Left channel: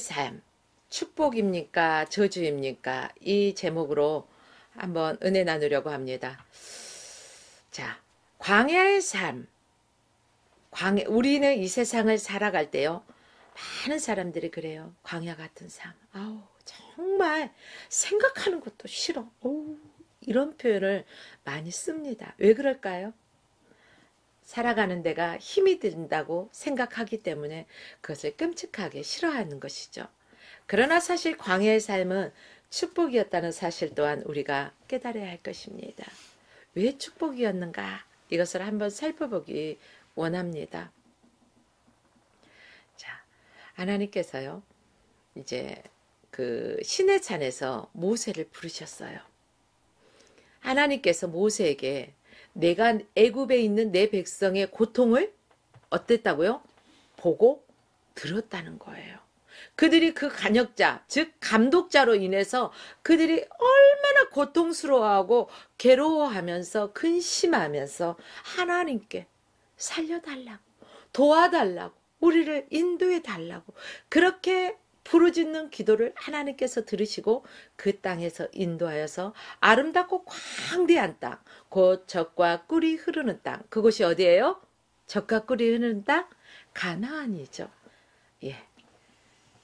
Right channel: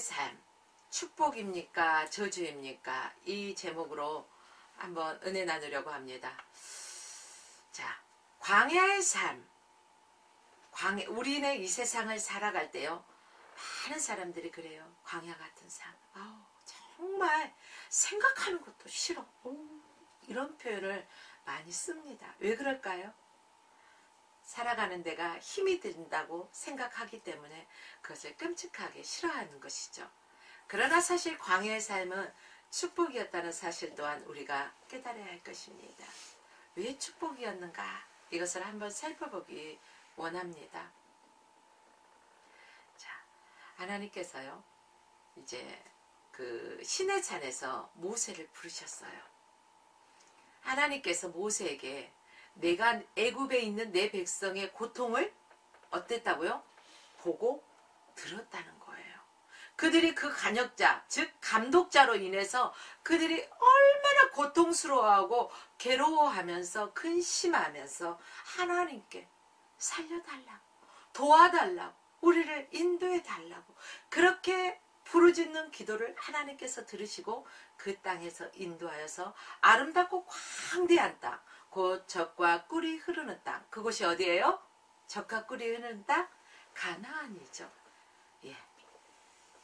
삶, 축복입니까? 저주입니까? 이 제목으로 한번 은혜 나누려고 합니다. 자, 광야의 삶. 우리는 이 세상을 살아갈 때요, 많은 사람들이 그래요. 광야 같은 삶. 아우, 정말 생각하는 것도 싫어. 이런 표현을 많이 씁니다. 왜 그럴까요? 살아가는 데가 힘이 든다고 생각하기 때문에 그것을 끔찍하게 싫어하는 것이죠. 그러나 사실 광야의 삶은 축복이었다는 사실 또한 우리가 깨달아야 할 것입니다. 왜 축복이었는가? 이것을 한번 살펴보기 원합니다. 자, 하나님께서요, 이제 그 시내 산에서 모세를 부르셨어요. 하나님께서 모세에게 내가 애굽에 있는 내 백성의 고통을 어땠다고요? 보고 들었다는 거예요. 그들이 그 간역자, 즉 감독자로 인해서 그들이 얼마나 고통스러워하고 괴로워하면서 근심하면서 하나님께 살려달라고, 도와달라고, 우리를 인도해달라고 그렇게 부르짖는 기도를 하나님께서 들으시고 그 땅에서 인도하여서 아름답고 광대한 땅, 곧 젖과 꿀이 흐르는 땅, 그곳이 어디예요? 젖과 꿀이 흐르는 땅? 가나안이죠. 예,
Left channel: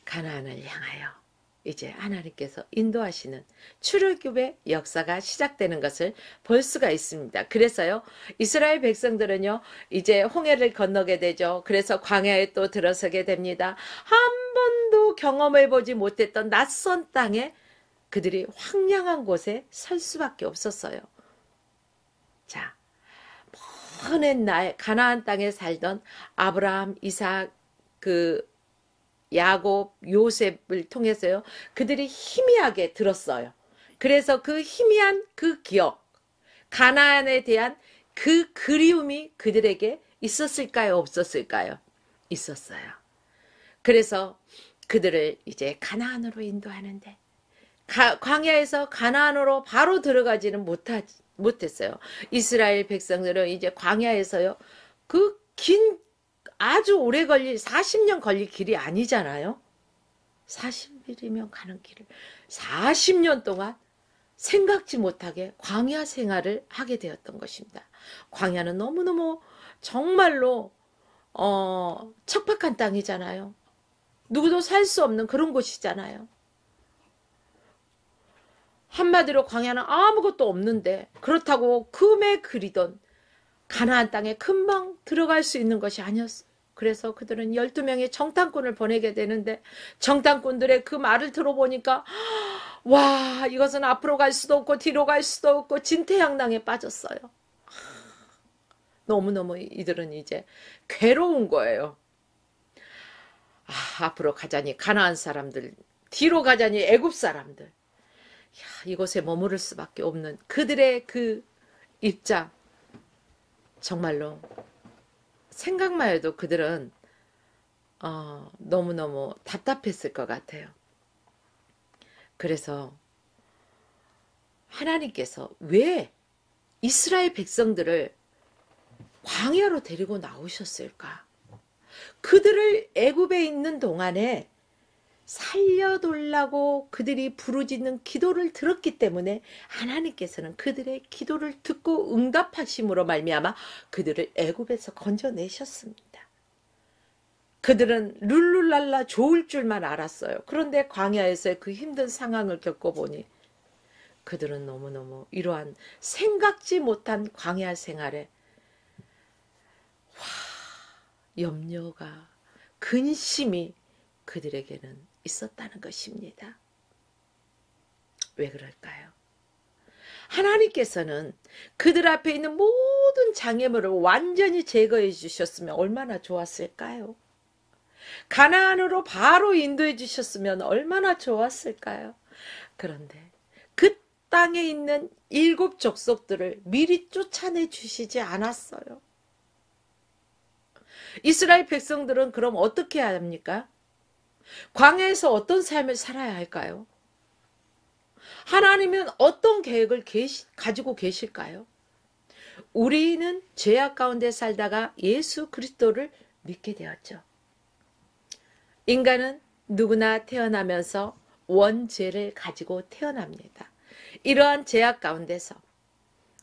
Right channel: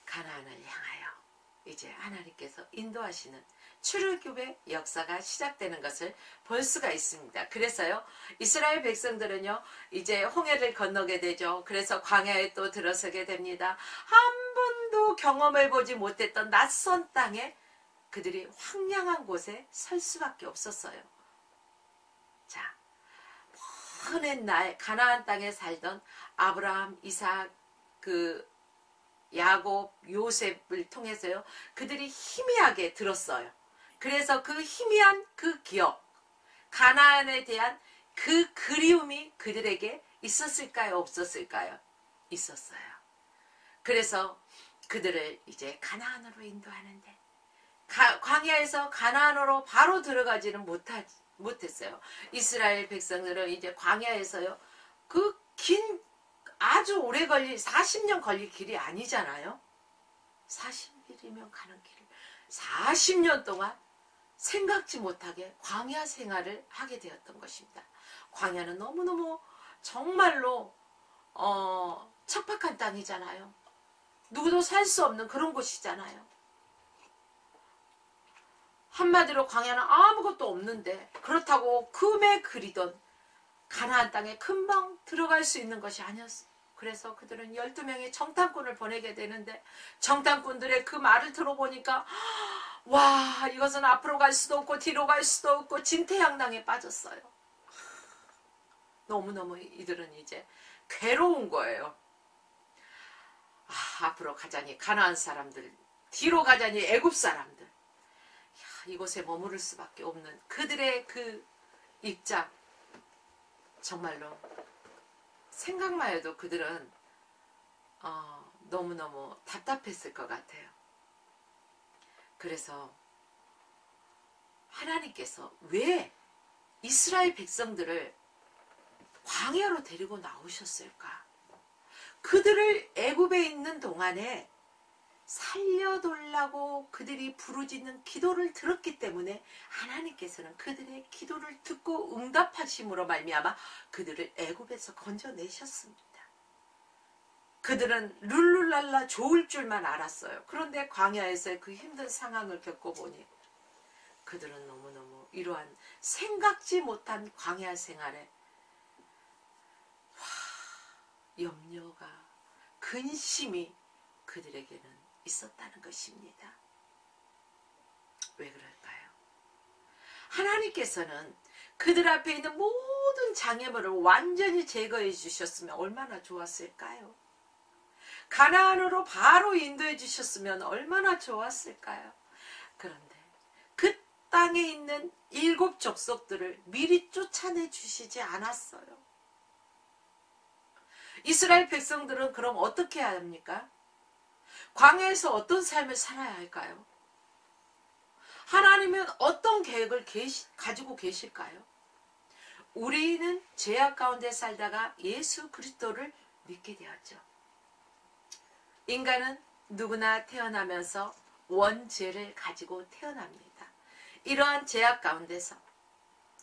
가나안을 향하여 이제 하나님께서 인도하시는 출애굽의 역사가 시작되는 것을 볼 수가 있습니다. 그래서요, 이스라엘 백성들은요, 이제 홍해를 건너게 되죠. 그래서 광야에 또 들어서게 됩니다. 한 번도 경험해보지 못했던 낯선 땅에 그들이 황량한 곳에 설 수밖에 없었어요. 자, 먼 옛날 가나안 땅에 살던 아브라함, 이삭, 야곱, 요셉을 통해서요, 그들이 희미하게 들었어요. 그래서 그 희미한 그 기억, 가나안에 대한 그 그리움이 그들에게 있었을까요? 없었을까요? 있었어요. 그래서 그들을 이제 가나안으로 인도하는데 광야에서 가나안으로 바로 들어가지는 못했어요. 이스라엘 백성들은 이제 광야에서요, 그 긴 아주 오래 40년 걸릴 길이 아니잖아요. 40일이면 가는 길을 40년 동안 생각지 못하게 광야 생활을 하게 되었던 것입니다. 광야는 너무너무 정말로 척박한 땅이잖아요. 누구도 살 수 없는 그런 곳이잖아요. 한마디로 광야는 아무것도 없는데 그렇다고 금에 그리던 가나안 땅에 금방 들어갈 수 있는 것이 아니었어. 그래서 그들은 12명의 정탐꾼을 보내게 되는데 정탐꾼들의 그 말을 들어보니까 와, 이것은 앞으로 갈 수도 없고 뒤로 갈 수도 없고 진퇴양난에 빠졌어요. 너무너무 이들은 이제 괴로운 거예요. 앞으로 가자니 가나안 사람들, 뒤로 가자니 애굽 사람들, 이곳에 머무를 수밖에 없는 그들의 그 입장, 정말로 생각만 해도 그들은 너무너무 답답했을 것 같아요. 그래서 하나님께서 왜 이스라엘 백성들을 광야로 데리고 나오셨을까? 그들을 애굽에 있는 동안에 살려달라고 그들이 부르짖는 기도를 들었기 때문에 하나님께서는 그들의 기도를 듣고 응답하심으로 말미암아 그들을 애굽에서 건져내셨습니다. 그들은 룰루랄라 좋을 줄만 알았어요. 그런데 광야에서의 그 힘든 상황을 겪어보니 그들은 너무너무 이러한 생각지 못한 광야 생활에 염려가, 근심이 그들에게는 있었다는 것입니다. 왜 그럴까요? 하나님께서는 그들 앞에 있는 모든 장애물을 완전히 제거해 주셨으면 얼마나 좋았을까요? 가나안으로 바로 인도해 주셨으면 얼마나 좋았을까요? 그런데 그 땅에 있는 7 족속들을 미리 쫓아내 주시지 않았어요. 이스라엘 백성들은 그럼 어떻게 해야 합니까? 광야에서 어떤 삶을 살아야 할까요? 하나님은 어떤 계획을 가지고 계실까요? 우리는 죄악 가운데 살다가 예수 그리스도를 믿게 되었죠. 인간은 누구나 태어나면서 원죄를 가지고 태어납니다. 이러한 죄악 가운데서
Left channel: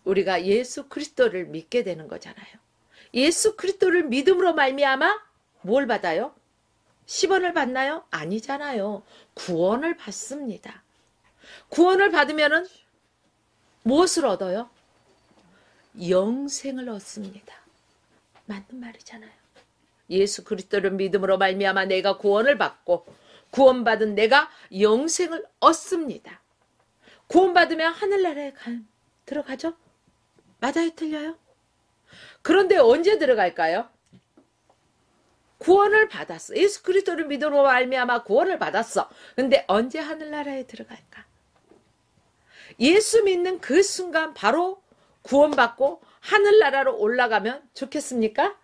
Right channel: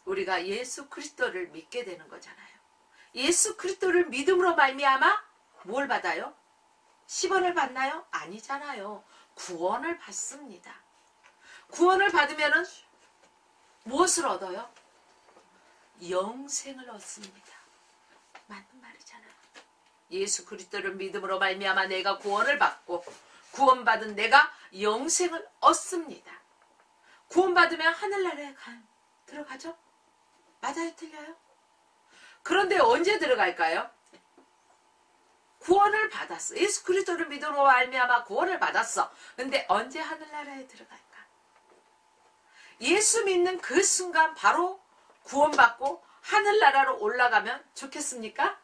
우리가 예수 그리스도를 믿게 되는 거잖아요. 예수 그리스도를 믿음으로 말미암아 뭘 받아요? 10원을 받나요? 아니잖아요. 구원을 받습니다. 구원을 받으면은 무엇을 얻어요? 영생을 얻습니다. 맞는 말이잖아요. 예수 그리스도를 믿음으로 말미암아 내가 구원을 받고 구원받은 내가 영생을 얻습니다. 구원받으면 하늘나라에 들어가죠? 맞아요? 틀려요? 그런데 언제 들어갈까요? 구원을 받았어. 예수 그리스도를 믿음으로 말미암아 구원을 받았어. 근데 언제 하늘나라에 들어갈까? 예수 믿는 그 순간 바로 구원받고 하늘나라로 올라가면 좋겠습니까?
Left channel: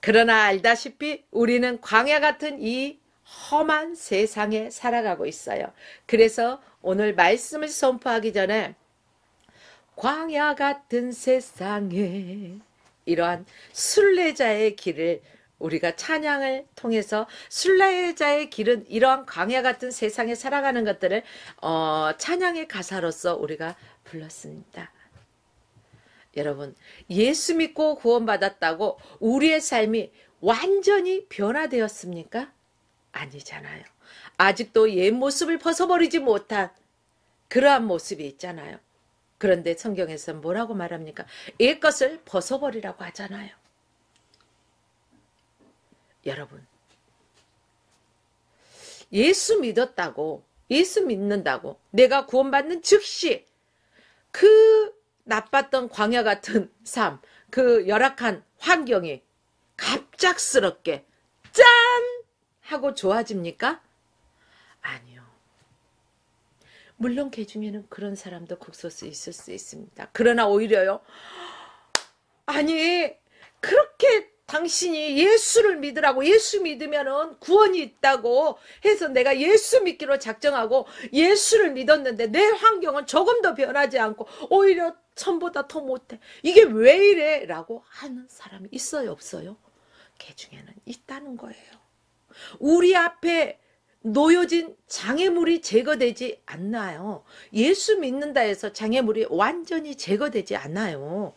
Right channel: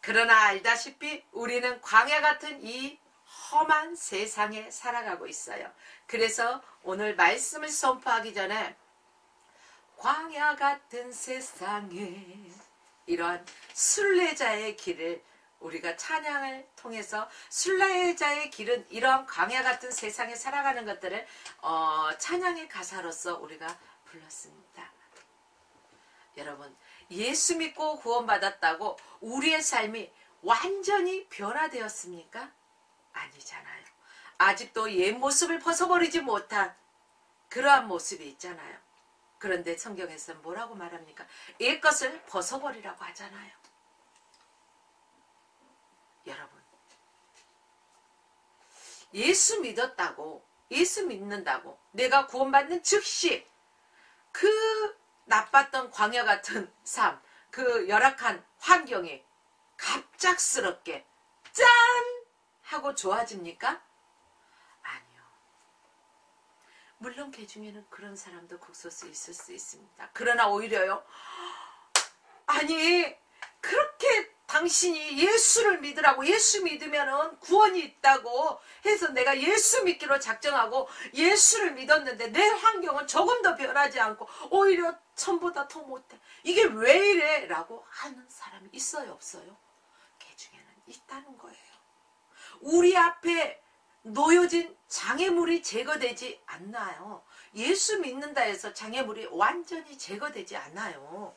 그러나 알다시피 우리는 광야 같은 이 험한 세상에 살아가고 있어요. 그래서 오늘 말씀을 선포하기 전에 광야 같은 세상에 이러한 순례자의 길을 우리가 찬양을 통해서 순례자의 길은 이러한 광야 같은 세상에 살아가는 것들을 찬양의 가사로서 우리가 불렀습니다. 여러분, 예수 믿고 구원받았다고 우리의 삶이 완전히 변화되었습니까? 아니잖아요. 아직도 옛 모습을 벗어버리지 못한 그러한 모습이 있잖아요. 그런데 성경에서는 뭐라고 말합니까? 옛것을 벗어버리라고 하잖아요. 여러분, 예수 믿었다고, 예수 믿는다고 내가 구원받는 즉시 그 나빴던 광야 같은 삶, 그 열악한 환경이 갑작스럽게 짠! 하고 좋아집니까? 아니요. 물론 그 중에는 그런 사람도 극소수 있을 수 있습니다. 그러나 오히려요. 아니 그렇게 당신이 예수를 믿으라고 예수 믿으면은 구원이 있다고 해서 내가 예수 믿기로 작정하고 예수를 믿었는데 내 환경은 조금도 변하지 않고 오히려 전보다 더 못해. 이게 왜 이래? 라고 하는 사람이 있어요? 없어요? 그 중에는 있다는 거예요. 우리 앞에 놓여진 장애물이 제거되지 않나요? 예수 믿는다 해서 장애물이 완전히 제거되지 않아요.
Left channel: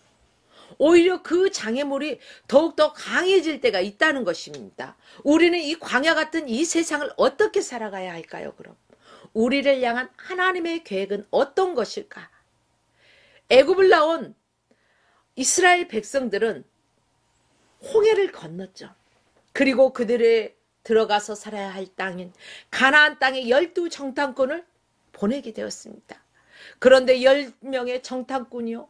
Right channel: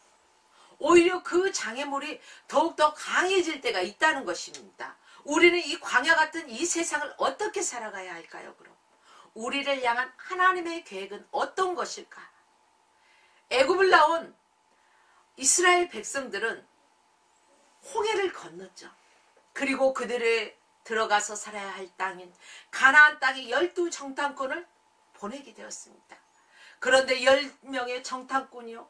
오히려 그 장애물이 더욱더 강해질 때가 있다는 것입니다. 우리는 이 광야 같은 이 세상을 어떻게 살아가야 할까요? 그럼 우리를 향한 하나님의 계획은 어떤 것일까? 애굽을 나온 이스라엘 백성들은 홍해를 건넜죠. 그리고 그들의 들어가서 살아야 할 땅인 가나안 땅에 12정탐꾼을 보내게 되었습니다. 그런데 10명의 정탐꾼이요,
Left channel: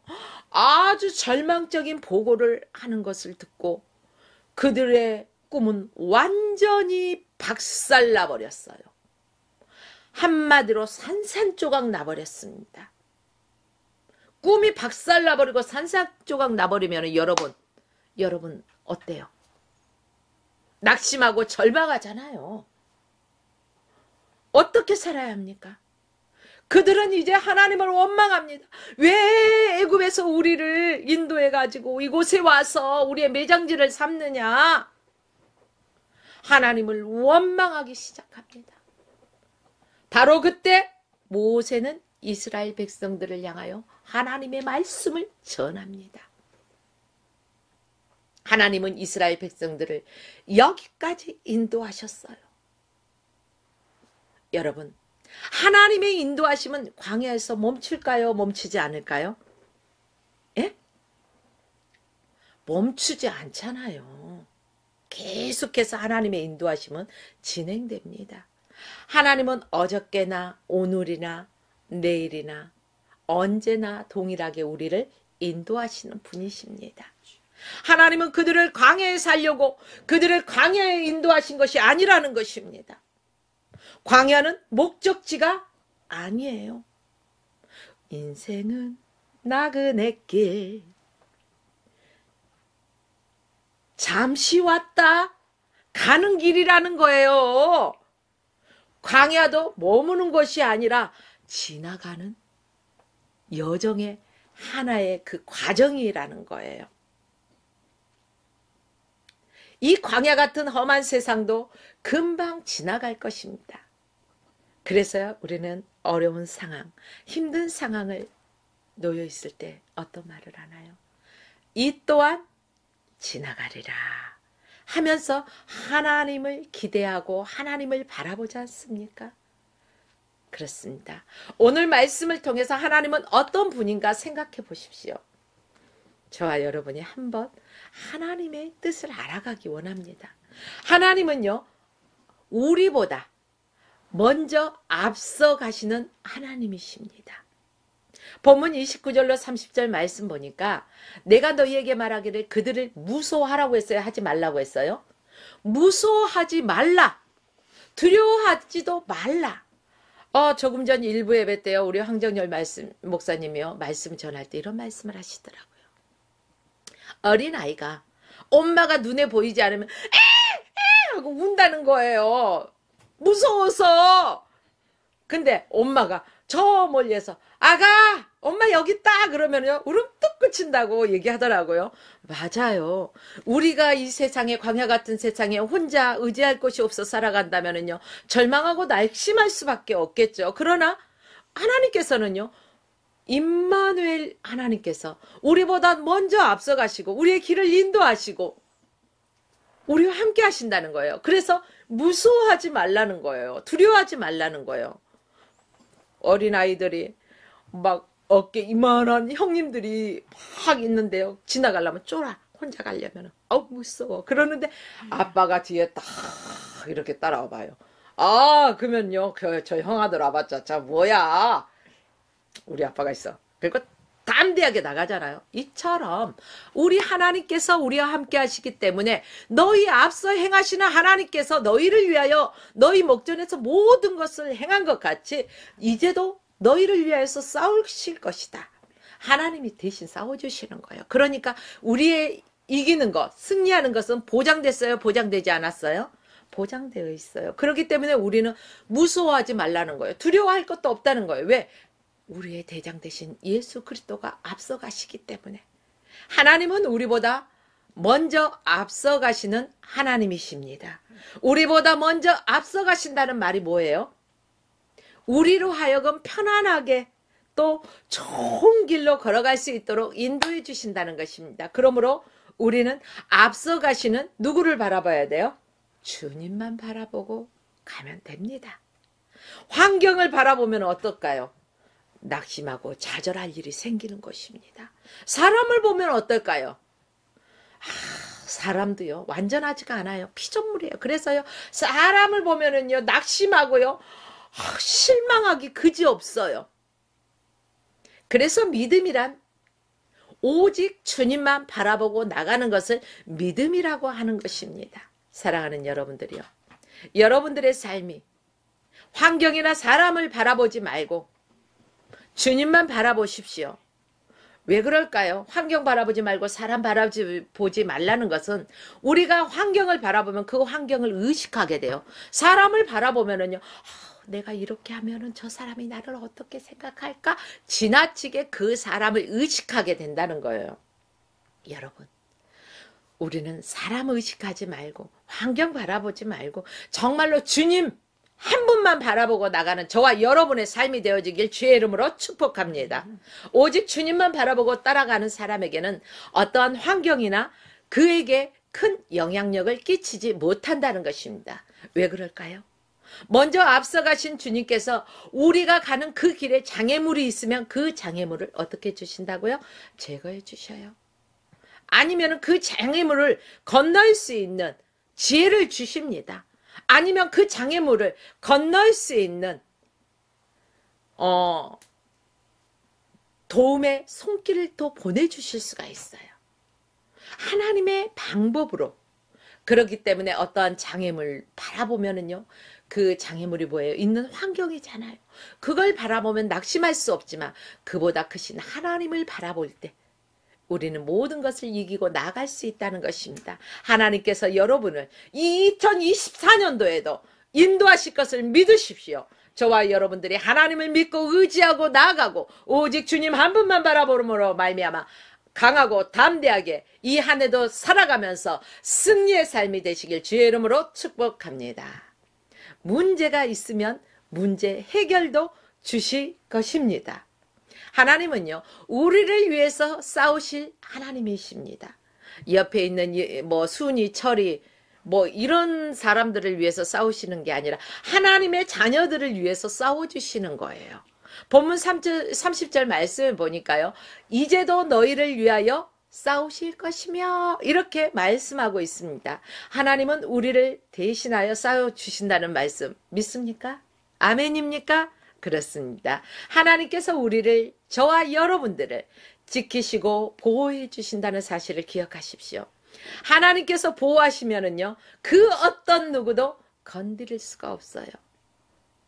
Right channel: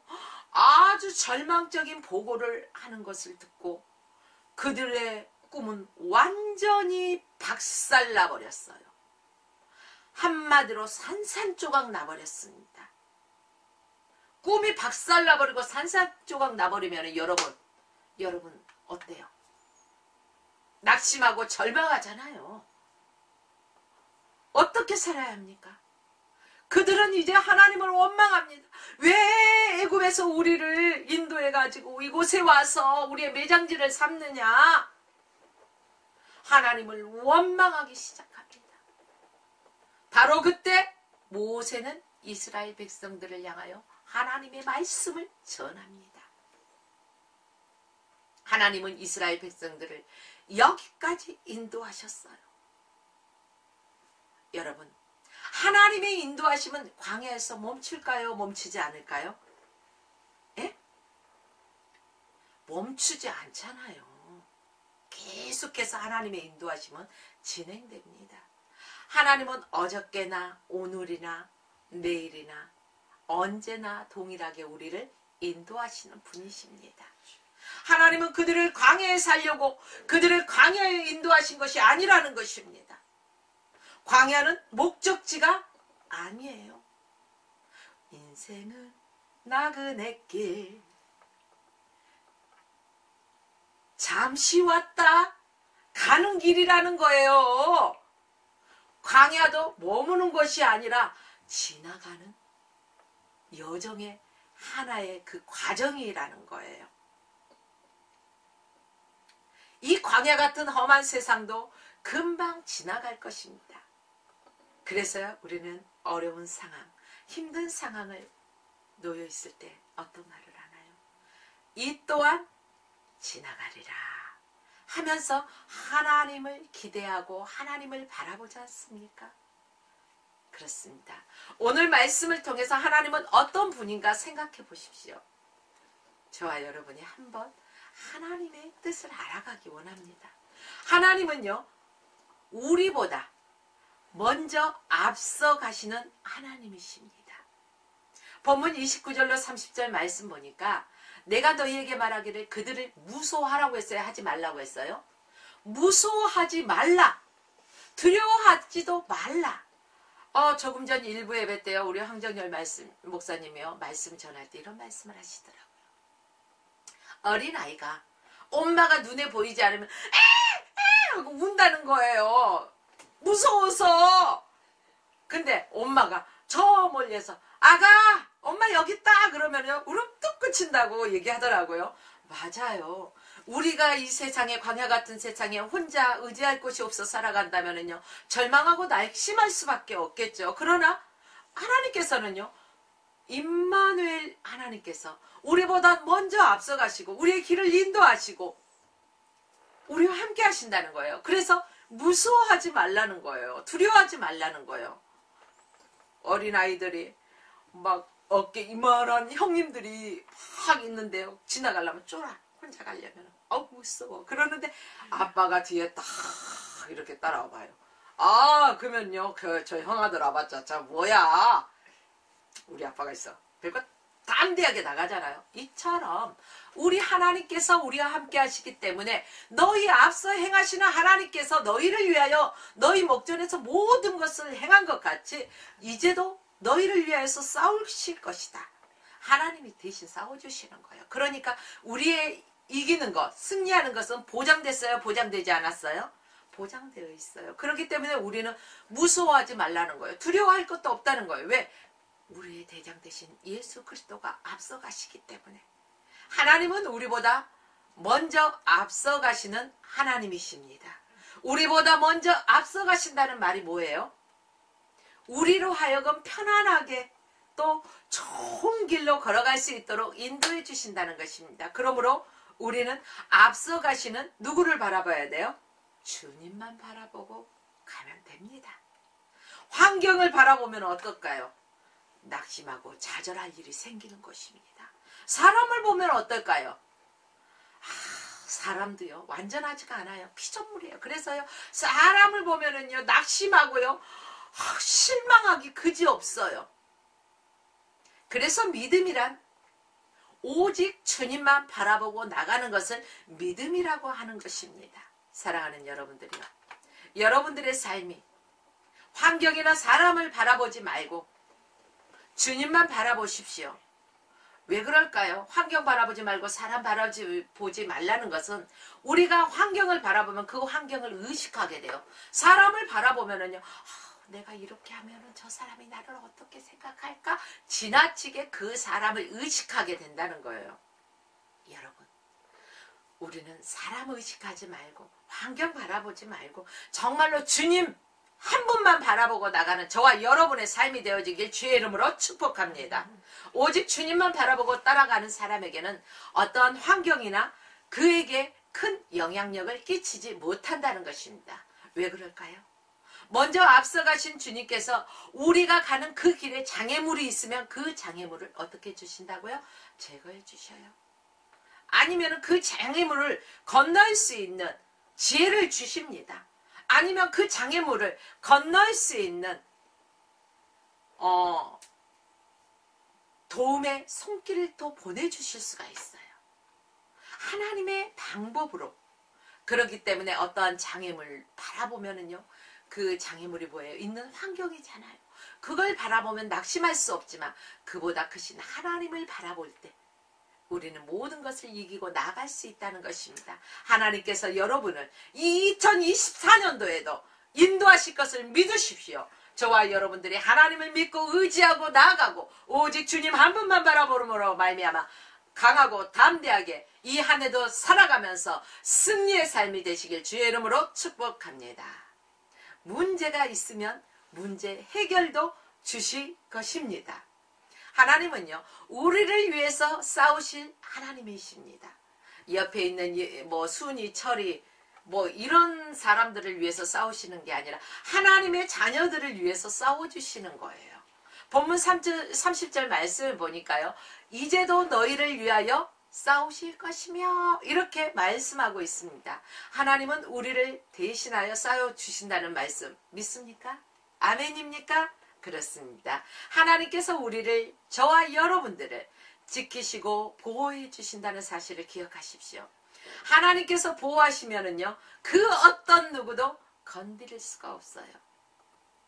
아주 절망적인 보고를 하는 것을 듣고 그들의 꿈은 완전히 박살나버렸어요. 한마디로 산산조각 나버렸습니다. 꿈이 박살나버리고 산산조각 나버리면 여러분 어때요? 낙심하고 절망하잖아요. 어떻게 살아야 합니까? 그들은 이제 하나님을 원망합니다. 왜 애굽에서 우리를 인도해가지고 이곳에 와서 우리의 매장지를 삼느냐? 하나님을 원망하기 시작합니다. 바로 그때 모세는 이스라엘 백성들을 향하여 하나님의 말씀을 전합니다. 하나님은 이스라엘 백성들을 여기까지 인도하셨어요. 여러분, 하나님의 인도하심은 광야에서 멈출까요? 멈추지 않을까요? 예? 멈추지 않잖아요. 계속해서 하나님의 인도하심은 진행됩니다. 하나님은 어저께나 오늘이나 내일이나 언제나 동일하게 우리를 인도하시는 분이십니다. 하나님은 그들을 광야에 살려고 그들을 광야에 인도하신 것이 아니라는 것입니다. 광야는 목적지가 아니에요. 인생은 나그네 길, 잠시 왔다 가는 길이라는 거예요. 광야도 머무는 것이 아니라 지나가는 여정의 하나의 그 과정이라는 거예요. 이 광야 같은 험한 세상도 금방 지나갈 것입니다. 그래서요, 우리는 어려운 상황, 힘든 상황을 놓여 있을 때 어떤 말을 하나요? 이 또한 지나가리라 하면서 하나님을 기대하고 하나님을 바라보지 않습니까? 그렇습니다. 오늘 말씀을 통해서 하나님은 어떤 분인가 생각해 보십시오. 저와 여러분이 한번 하나님의 뜻을 알아가기 원합니다. 하나님은요, 우리보다 먼저 앞서 가시는 하나님이십니다. 본문 29절로 30절 말씀 보니까 내가 너희에게 말하기를 그들을 무소하라고 했어요? 하지 말라고 했어요? 무소하지 말라. 두려워하지도 말라. 조금 전 일부 예배 때요, 우리 황정열 목사님이요, 말씀 전할 때 이런 말씀을 하시더라고요. 어린아이가 엄마가 눈에 보이지 않으면 에 하고 운다는 거예요. 무서워서. 근데 엄마가 저 멀리에서 아가 엄마 여기 있다 그러면요 울음 뚝 그친다고 얘기하더라고요. 맞아요. 우리가 이 세상에, 광야 같은 세상에 혼자 의지할 곳이 없어 살아간다면요 절망하고 낙심할 수밖에 없겠죠. 그러나 하나님께서는요, 임마누엘 하나님께서 우리보다 먼저 앞서가시고 우리의 길을 인도하시고 우리와 함께 하신다는 거예요. 그래서 무서워하지 말라는 거예요. 두려워하지 말라는 거예요. 어린아이들이 막 어깨 이만한 형님들이 막 있는데요, 지나가려면 쫄아. 혼자 가려면 무서워. 그러는데 아빠가 뒤에 딱 이렇게 따라와 봐요. 그러면요 저 형아들 와봤자 자 뭐야, 우리 아빠가 있어. 그리고 담대하게 나가잖아요. 이처럼 우리 하나님께서 우리와 함께 하시기 때문에 너희 앞서 행하시는 하나님께서 너희를 위하여 너희 목전에서 모든 것을 행한 것 같이 이제도 너희를 위하여서 싸우실 것이다. 하나님이 대신 싸워주시는 거예요. 그러니까 우리의 이기는 것, 승리하는 것은 보장됐어요? 보장되지 않았어요? 보장되어 있어요. 그렇기 때문에 우리는 무서워하지 말라는 거예요. 두려워할 것도 없다는 거예요. 왜? 우리의 대장 되신 예수 그리스도가 앞서 가시기 때문에. 하나님은 우리보다 먼저 앞서 가시는 하나님이십니다. 우리보다 먼저 앞서 가신다는 말이 뭐예요? 우리로 하여금 편안하게 또 좋은 길로 걸어갈 수 있도록 인도해 주신다는 것입니다. 그러므로 우리는 앞서 가시는 누구를 바라봐야 돼요? 주님만 바라보고 가면 됩니다. 환경을 바라보면 어떨까요? 낙심하고 좌절할 일이 생기는 것입니다. 사람을 보면 어떨까요? 사람도요 완전하지가 않아요. 피조물이에요. 그래서요 사람을 보면은요 낙심하고요 실망하기 그지없어요. 그래서 믿음이란 오직 주님만 바라보고 나가는 것을 믿음이라고 하는 것입니다. 사랑하는 여러분들이요, 여러분들의 삶이 환경이나 사람을 바라보지 말고 주님만 바라보십시오. 왜 그럴까요? 환경 바라보지 말고 사람 바라보지 말라는 것은 우리가 환경을 바라보면 그 환경을 의식하게 돼요. 사람을 바라보면은요, 내가 이렇게 하면은 저 사람이 나를 어떻게 생각할까? 지나치게 그 사람을 의식하게 된다는 거예요. 여러분, 우리는 사람 의식하지 말고 환경 바라보지 말고 정말로 주님 한 분만 바라보고 나가는 저와 여러분의 삶이 되어지길 주의 이름으로 축복합니다. 오직 주님만 바라보고 따라가는 사람에게는 어떠한 환경이나 그에게 큰 영향력을 끼치지 못한다는 것입니다. 왜 그럴까요? 먼저 앞서가신 주님께서 우리가 가는 그 길에 장애물이 있으면 그 장애물을 어떻게 주신다고요? 제거해 주셔요. 아니면 그 장애물을 건널 수 있는 지혜를 주십니다. 아니면 그 장애물을 건널 수 있는 도움의 손길을 또 보내주실 수가 있어요. 하나님의 방법으로. 그렇기 때문에 어떠한 장애물 바라보면은요, 그 장애물이 뭐예요? 있는 환경이잖아요. 그걸 바라보면 낙심할 수 없지만 그보다 크신 하나님을 바라볼 때 우리는 모든 것을 이기고 나갈 수 있다는 것입니다. 하나님께서 여러분을 2024년도에도 인도하실 것을 믿으십시오. 저와 여러분들이 하나님을 믿고 의지하고 나아가고 오직 주님 한 분만 바라보므로 말미암아 강하고 담대하게 이 한 해도 살아가면서 승리의 삶이 되시길 주의 이름으로 축복합니다. 문제가 있으면 문제 해결도 주실 것입니다. 하나님은요, 우리를 위해서 싸우실 하나님이십니다. 옆에 있는 뭐 순이, 철이, 뭐 이런 사람들을 위해서 싸우시는 게 아니라 하나님의 자녀들을 위해서 싸워주시는 거예요. 본문 30절 말씀을 보니까요, 이제도 너희를 위하여 싸우실 것이며 이렇게 말씀하고 있습니다. 하나님은 우리를 대신하여 싸워주신다는 말씀 믿습니까? 아멘입니까? 그렇습니다. 하나님께서 우리를, 저와 여러분들을 지키시고 보호해 주신다는 사실을 기억하십시오. 하나님께서 보호하시면은요, 그 어떤 누구도 건드릴 수가 없어요.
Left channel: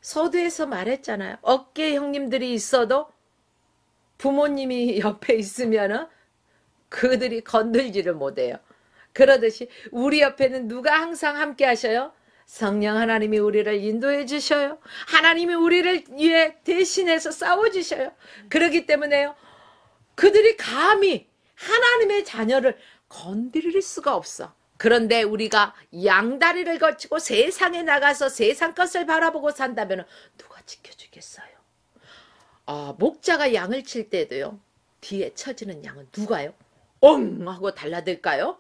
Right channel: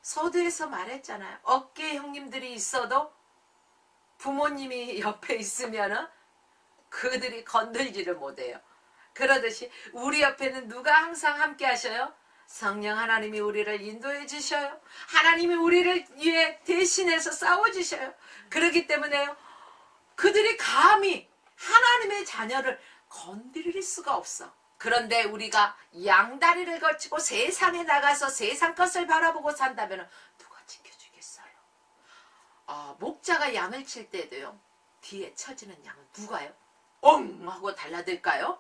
서두에서 말했잖아요. 어깨 형님들이 있어도 부모님이 옆에 있으면은 그들이 건들지를 못해요. 그러듯이 우리 옆에는 누가 항상 함께 하셔요? 성령 하나님이 우리를 인도해 주셔요. 하나님이 우리를 위해 대신해서 싸워주셔요. 그렇기 때문에요, 그들이 감히 하나님의 자녀를 건드릴 수가 없어. 그런데 우리가 양다리를 거치고 세상에 나가서 세상 것을 바라보고 산다면 누가 지켜주겠어요? 목자가 양을 칠 때도요, 뒤에 처지는 양은 누가요? 엉 하고 달라들까요?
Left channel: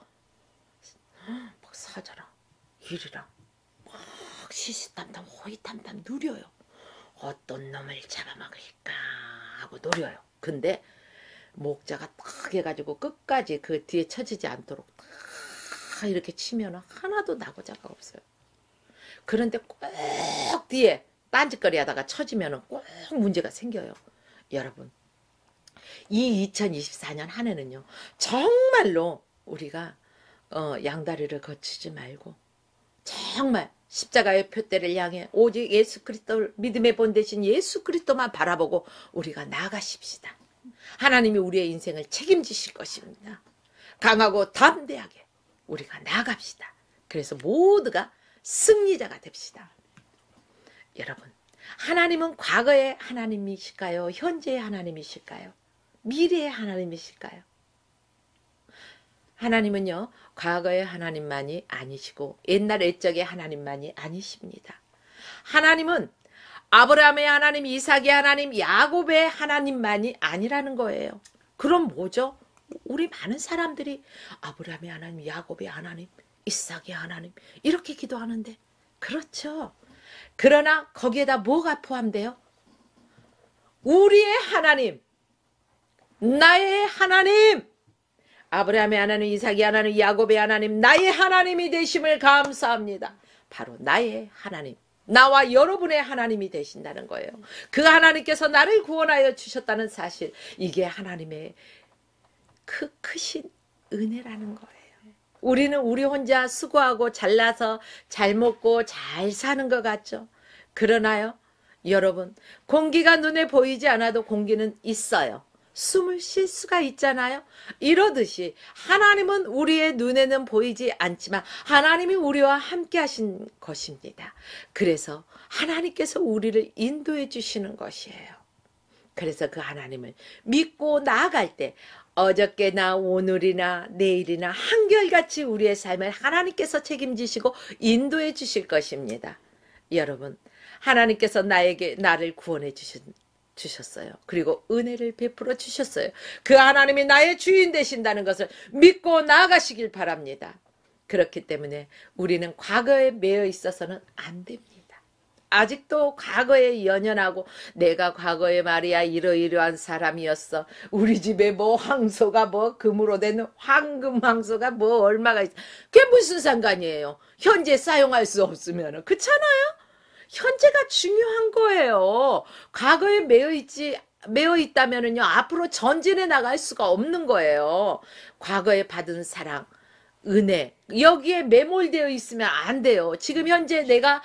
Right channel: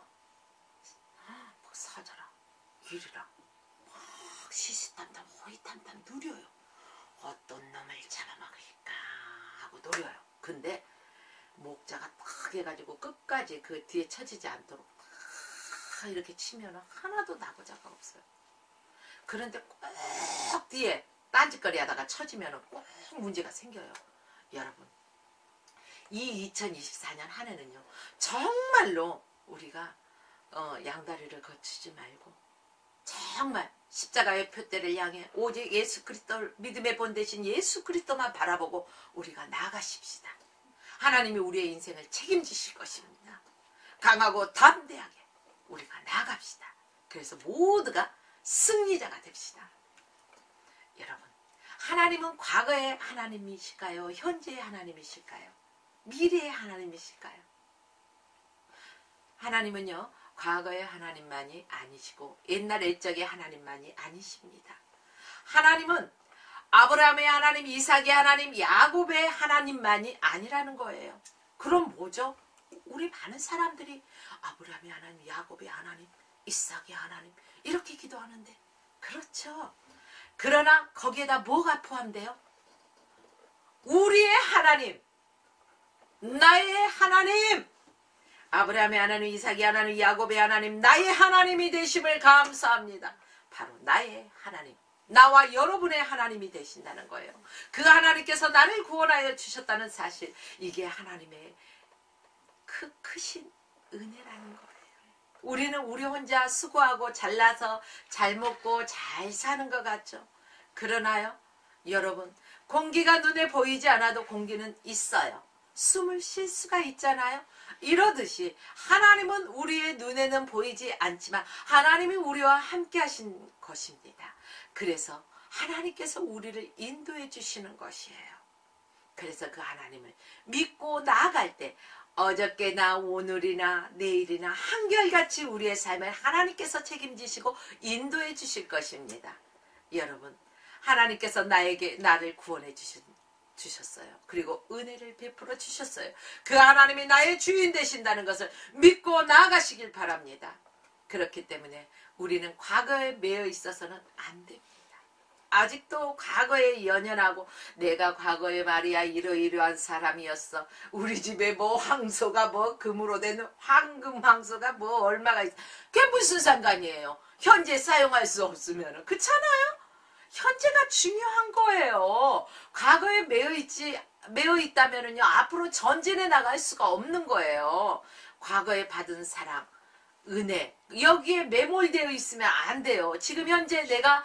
막 사자랑 이리랑 막 시시탐탐 호이탐탐 누려요. 어떤 놈을 잡아먹을까 하고 노려요. 근데 목자가 딱 해가지고 끝까지 그 뒤에 처지지 않도록 딱 이렇게 치면 하나도 나고자가 없어요. 그런데 꼭 뒤에 딴짓거리 하다가 처지면 꼭 문제가 생겨요. 여러분, 이 2024년 한 해는요, 정말로 우리가 양다리를 거치지 말고 정말 십자가의 표대를 향해 오직 예수 그리스도를 믿음의 본 대신 예수 그리스도만 바라보고 우리가 나가십시다. 하나님이 우리의 인생을 책임지실 것입니다. 강하고 담대하게 우리가 나갑시다. 그래서 모두가 승리자가 됩시다. 여러분, 하나님은 과거의 하나님이실까요? 현재의 하나님이실까요? 미래의 하나님이실까요? 하나님은요, 과거의 하나님만이 아니시고 옛날 옛적의 하나님만이 아니십니다. 하나님은 아브라함의 하나님, 이삭의 하나님, 야곱의 하나님만이 아니라는 거예요. 그럼 뭐죠? 우리 많은 사람들이 아브라함의 하나님, 야곱의 하나님, 이삭의 하나님 이렇게 기도하는데, 그렇죠. 그러나 거기에다 뭐가 포함돼요? 우리의 하나님, 나의 하나님, 아브라함의 하나님, 이삭의 하나님, 야곱의 하나님, 나의 하나님이 되심을 감사합니다. 바로 나의 하나님, 나와 여러분의 하나님이 되신다는 거예요. 그 하나님께서 나를 구원하여 주셨다는 사실, 이게 하나님의 크신 은혜라는 거예요. 우리는 우리 혼자 수고하고 잘나서 잘 먹고 잘 사는 것 같죠? 그러나요, 여러분, 공기가 눈에 보이지 않아도 공기는 있어요. 숨을 쉴 수가 있잖아요. 이러듯이 하나님은 우리의 눈에는 보이지 않지만 하나님이 우리와 함께 하신 것입니다. 그래서 하나님께서 우리를 인도해 주시는 것이에요. 그래서 그 하나님을 믿고 나아갈 때 어저께나 오늘이나 내일이나 한결같이 우리의 삶을 하나님께서 책임지시고 인도해 주실 것입니다. 여러분, 하나님께서 나를 구원해 주셨어요. 그리고 은혜를 베풀어 주셨어요. 그 하나님이 나의 주인 되신다는 것을 믿고 나아가시길 바랍니다. 그렇기 때문에 우리는 과거에 매여 있어서는 안 됩니다. 아직도 과거에 연연하고 내가 과거에 말이야 이러이러한 사람이었어. 우리 집에 뭐 황소가 뭐 금으로 된 황금 황소가 뭐 얼마가 있어. 그게 무슨 상관이에요. 현재 사용할 수 없으면. 그렇잖아요. 현재가 중요한 거예요. 과거에 매여 있다면은요, 앞으로 전진해 나갈 수가 없는 거예요. 과거에 받은 사랑, 은혜, 여기에 매몰되어 있으면 안 돼요. 지금 현재 내가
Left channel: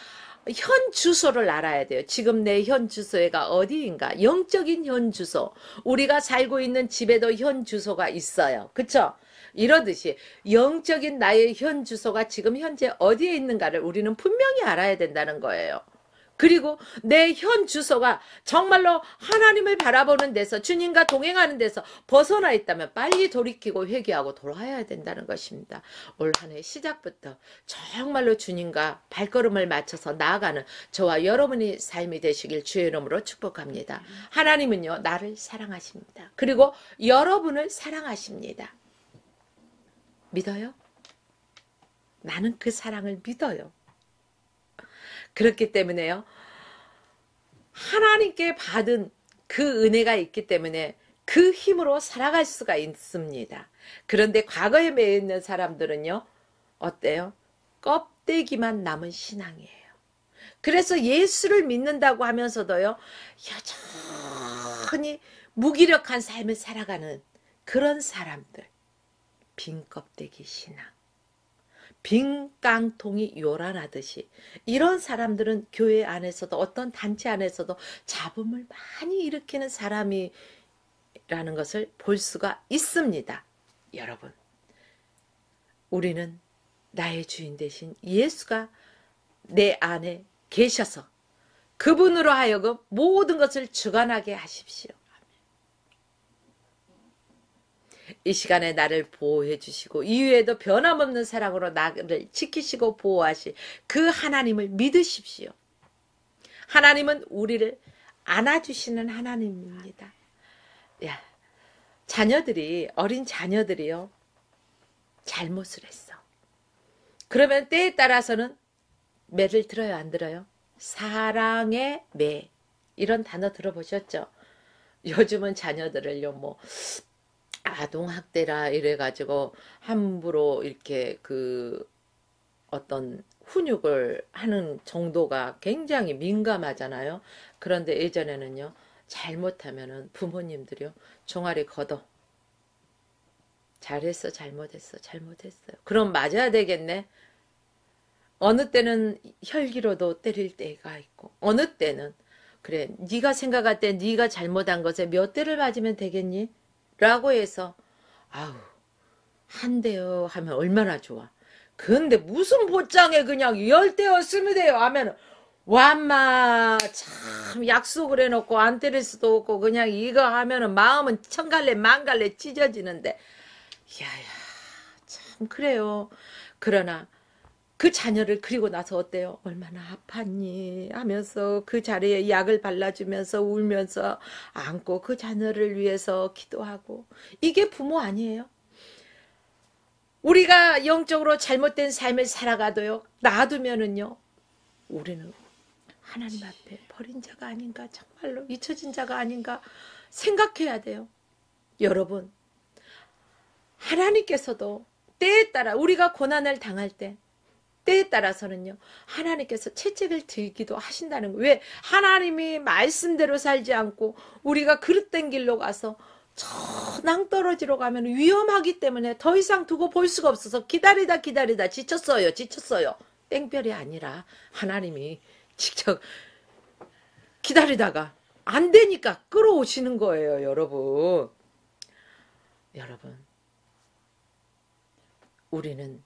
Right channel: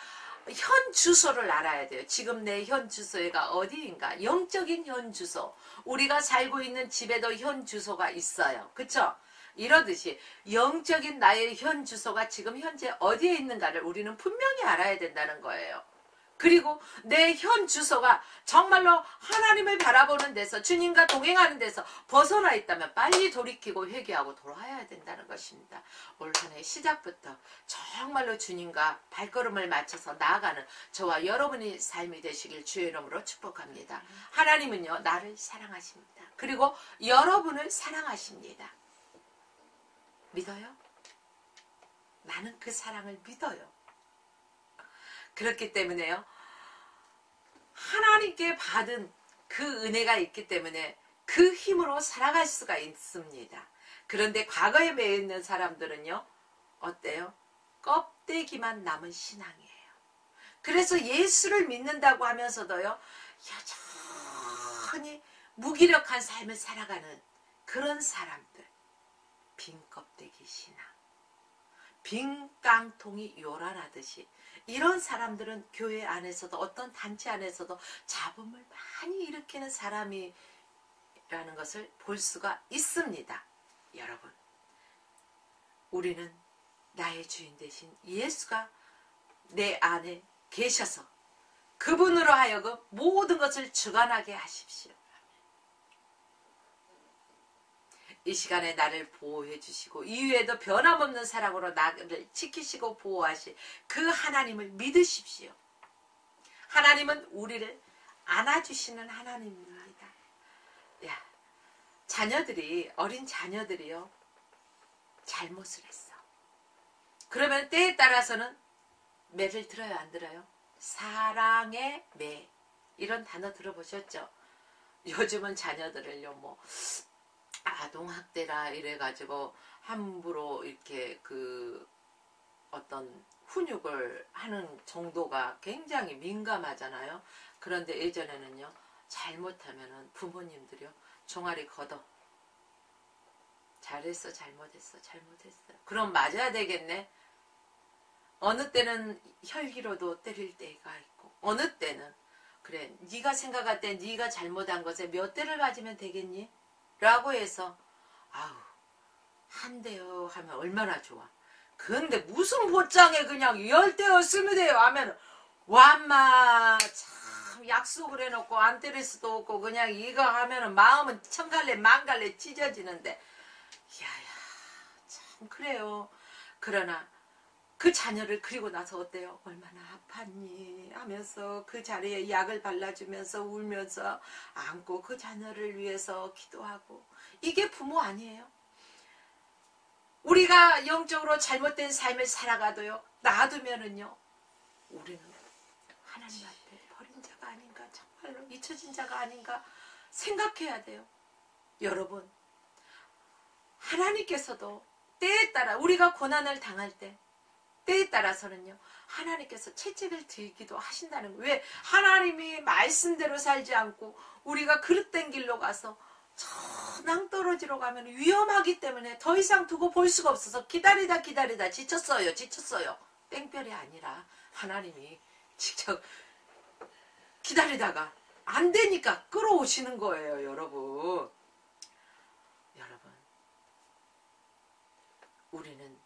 현 주소를 알아야 돼요. 지금 내 현 주소가 어디인가? 영적인 현 주소. 우리가 살고 있는 집에도 현 주소가 있어요. 그쵸? 이러듯이 영적인 나의 현 주소가 지금 현재 어디에 있는가를 우리는 분명히 알아야 된다는 거예요. 그리고 내 현 주소가 정말로 하나님을 바라보는 데서 주님과 동행하는 데서 벗어나 있다면 빨리 돌이키고 회개하고 돌아와야 된다는 것입니다. 올 한 해 시작부터 정말로 주님과 발걸음을 맞춰서 나아가는 저와 여러분의 삶이 되시길 주의 이름으로 축복합니다. 하나님은요, 나를 사랑하십니다. 그리고 여러분을 사랑하십니다. 믿어요? 나는 그 사랑을 믿어요. 그렇기 때문에요, 하나님께 받은 그 은혜가 있기 때문에 그 힘으로 살아갈 수가 있습니다. 그런데 과거에 매여 있는 사람들은요, 어때요? 껍데기만 남은 신앙이에요. 그래서 예수를 믿는다고 하면서도요, 여전히 무기력한 삶을 살아가는 그런 사람들. 빈 껍데기 신앙. 빈 깡통이 요란하듯이 이런 사람들은 교회 안에서도 어떤 단체 안에서도 잡음을 많이 일으키는 사람이라는 것을 볼 수가 있습니다. 여러분, 우리는 나의 주인 되신 예수가 내 안에 계셔서 그분으로 하여금 모든 것을 주관하게 하십시오. 이 시간에 나를 보호해 주시고 이후에도 변함없는 사랑으로 나를 지키시고 보호하실 그 하나님을 믿으십시오. 하나님은 우리를 안아주시는 하나님입니다. 야, 어린 자녀들이요, 잘못을 했어. 그러면 때에 따라서는 매를 들어요, 안 들어요? 사랑의 매, 이런 단어 들어보셨죠? 요즘은 자녀들을요, 뭐 아동학대라 이래가지고 함부로 이렇게 어떤 훈육을 하는 정도가 굉장히 민감하잖아요. 그런데 예전에는요, 잘못하면은 부모님들이요, 종아리 걷어. 잘했어, 잘못했어, 잘못했어요. 그럼 맞아야 되겠네. 어느 때는 혈기로도 때릴 때가 있고, 어느 때는 그래, 네가 생각할 때 네가 잘못한 것에 몇 대를 맞으면 되겠니? 라고 해서 아우, 한 대요 하면 얼마나 좋아. 근데 무슨 보장에 그냥 10대요 20대요 하면 와마 참 약속을 해놓고 안 때릴 수도 없고 그냥 이거 하면은 마음은 천갈래 만갈래 찢어지는데, 야야 참 그래요. 그러나 그 자녀를 그리고 나서 어때요? 얼마나 아팠니? 하면서 그 자리에 약을 발라주면서 울면서 안고 그 자녀를 위해서 기도하고. 이게 부모 아니에요? 우리가 영적으로 잘못된 삶을 살아가도요, 놔두면은요, 우리는 하나님 앞에 버린 자가 아닌가, 정말로 잊혀진 자가 아닌가 생각해야 돼요. 여러분, 하나님께서도 때에 따라 우리가 고난을 당할 때에 따라서는요, 하나님께서 채찍을 들기도 하신다는 거예요. 왜? 하나님이 말씀대로 살지 않고 우리가 그릇된 길로 가서 저 낭떠러지로 가면 위험하기 때문에 더 이상 두고 볼 수가 없어서 기다리다 지쳤어요. 땡별이 아니라 하나님이 직접 기다리다가 안 되니까 끌어오시는 거예요, 여러분. 우리는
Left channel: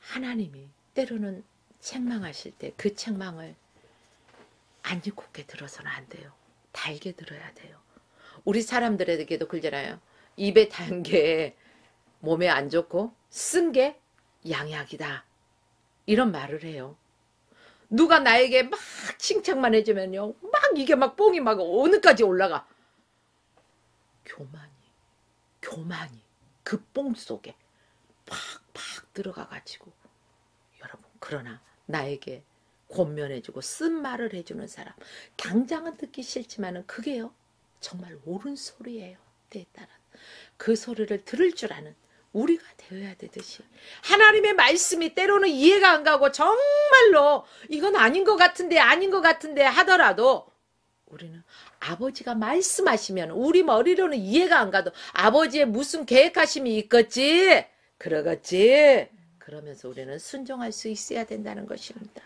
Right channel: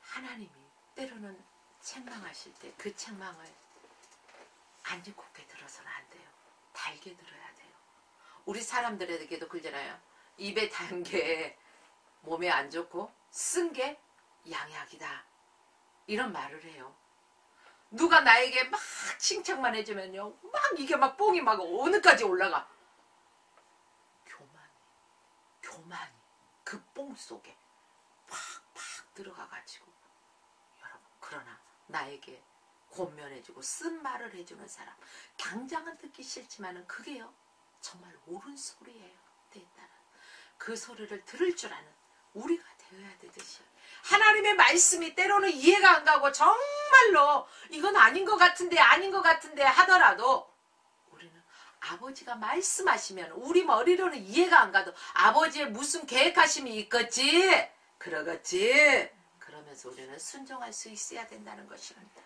하나님이 때로는 책망하실 때 그 책망을 안 이롭게 들어서는 안 돼요. 달게 들어야 돼요. 우리 사람들에게도 그러잖아요. 입에 단 게 몸에 안 좋고 쓴 게 양약이다. 이런 말을 해요. 누가 나에게 막 칭찬만 해주면요, 막 이게 막 뽕이 막 어느까지 올라가. 교만이 그 뽕 속에 팍팍 들어가가지고, 여러분, 그러나 나에게 권면해주고 쓴 말을 해주는 사람, 당장은 듣기 싫지만은 그게요, 정말 옳은 소리예요. 때에 따라 그 소리를 들을 줄 아는 우리가 되어야 되듯이, 하나님의 말씀이 때로는 이해가 안 가고 정말로 이건 아닌 것 같은데 하더라도 우리는 아버지가 말씀하시면 우리 머리로는 이해가 안 가도 아버지의 무슨 계획하심이 있겠지, 그러겠지, 그러면서 우리는 순종할 수 있어야 된다는 것입니다.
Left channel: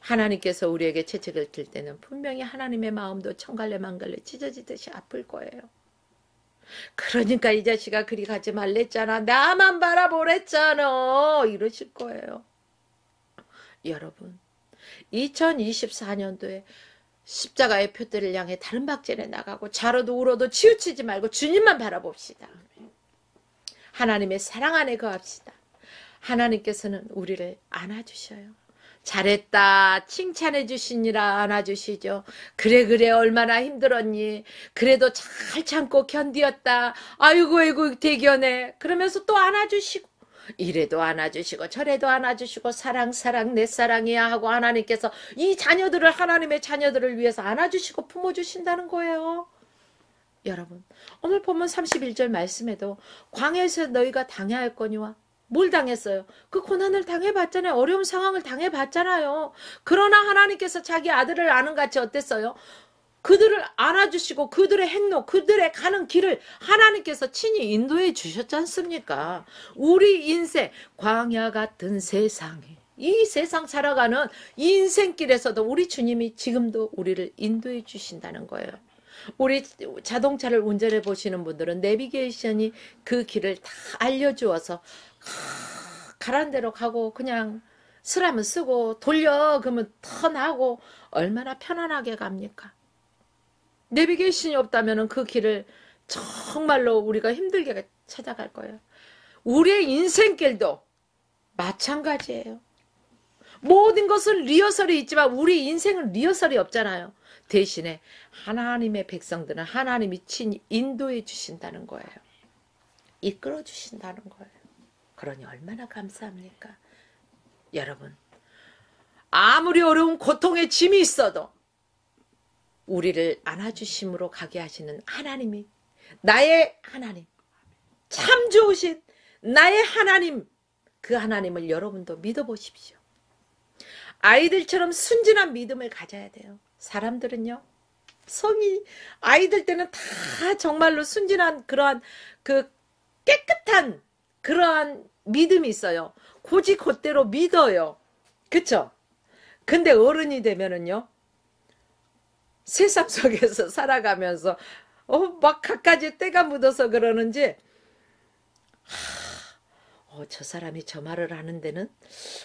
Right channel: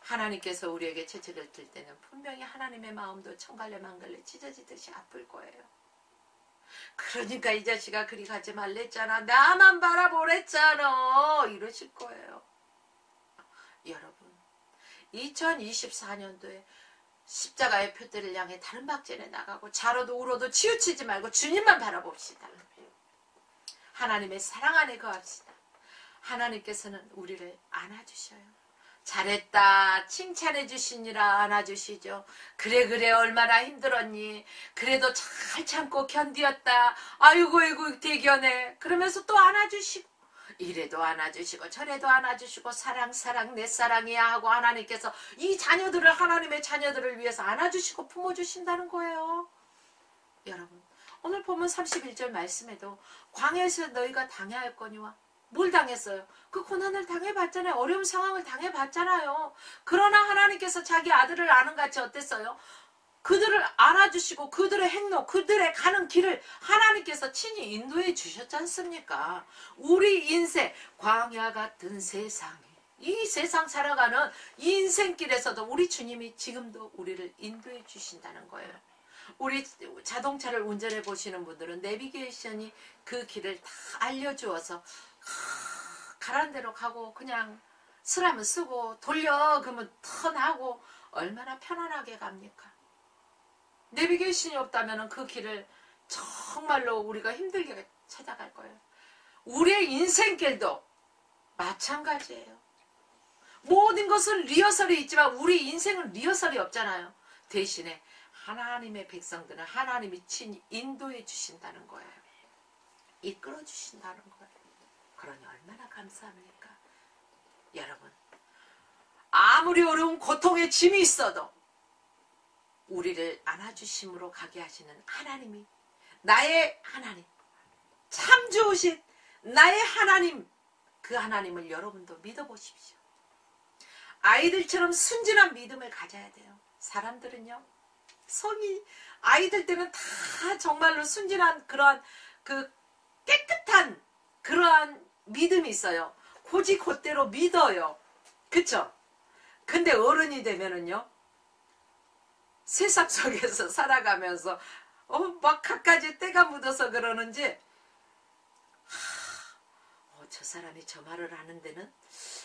하나님께서 우리에게 채찍을 들 때는 분명히 하나님의 마음도 천갈래 만갈래 찢어지듯이 아플 거예요. 그러니까 이 자식아 그리 가지 말랬잖아, 나만 바라보랬잖아, 이러실 거예요. 여러분 2024년도에 십자가의 표대를 향해 다른 박전에 나가고 자로도 울어도 치우치지 말고 주님만 바라봅시다. 하나님의 사랑 안에 거합시다. 하나님께서는 우리를 안아주셔요. 잘했다 칭찬해 주시니라 안아주시죠. 그래 얼마나 힘들었니. 그래도 잘 참고 견디었다. 아이고 대견해. 그러면서 또 안아주시고 이래도 안아주시고 저래도 안아주시고 사랑 내 사랑이야 하고 하나님께서 이 자녀들을 하나님의 자녀들을 위해서 안아주시고 품어주신다는 거예요. 여러분 오늘 보면 31절 말씀에도 광야에서 너희가 당해할거니와 뭘 당했어요? 그 고난을 당해봤잖아요. 어려운 상황을 당해봤잖아요. 그러나 하나님께서 자기 아들을 아는 같이 어땠어요? 그들을 안아주시고 그들의 행로, 그들의 가는 길을 하나님께서 친히 인도해 주셨지 않습니까? 우리 인생, 광야 같은 세상에 이 세상 살아가는 이 인생길에서도 우리 주님이 지금도 우리를 인도해 주신다는 거예요. 우리 자동차를 운전해 보시는 분들은 내비게이션이 그 길을 다 알려주어서 가란 대로 가고 그냥 쓰라면 쓰고 돌려 그러면 턴하고 얼마나 편안하게 갑니까? 내비게이션이 없다면 그 길을 정말로 우리가 힘들게 찾아갈 거예요. 우리의 인생길도 마찬가지예요. 모든 것은 리허설이 있지만 우리 인생은 리허설이 없잖아요. 대신에 하나님의 백성들은 하나님이 친히 인도해 주신다는 거예요. 이끌어 주신다는 거예요. 그러니 얼마나 감사합니까? 여러분 아무리 어려운 고통의 짐이 있어도 우리를 안아주심으로 가게 하시는 하나님이 나의 하나님 참 좋으신 나의 하나님 그 하나님을 여러분도 믿어보십시오. 아이들처럼 순진한 믿음을 가져야 돼요. 사람들은요 성이 아이들 때는 다 정말로 순진한 그러한 그 깨끗한 그러한 믿음이 있어요. 고지 곧대로 믿어요. 그쵸? 근데 어른이 되면은요 세상 속에서 살아가면서 막 갖가지 때가 묻어서 그러는지 저 사람이 저 말을 하는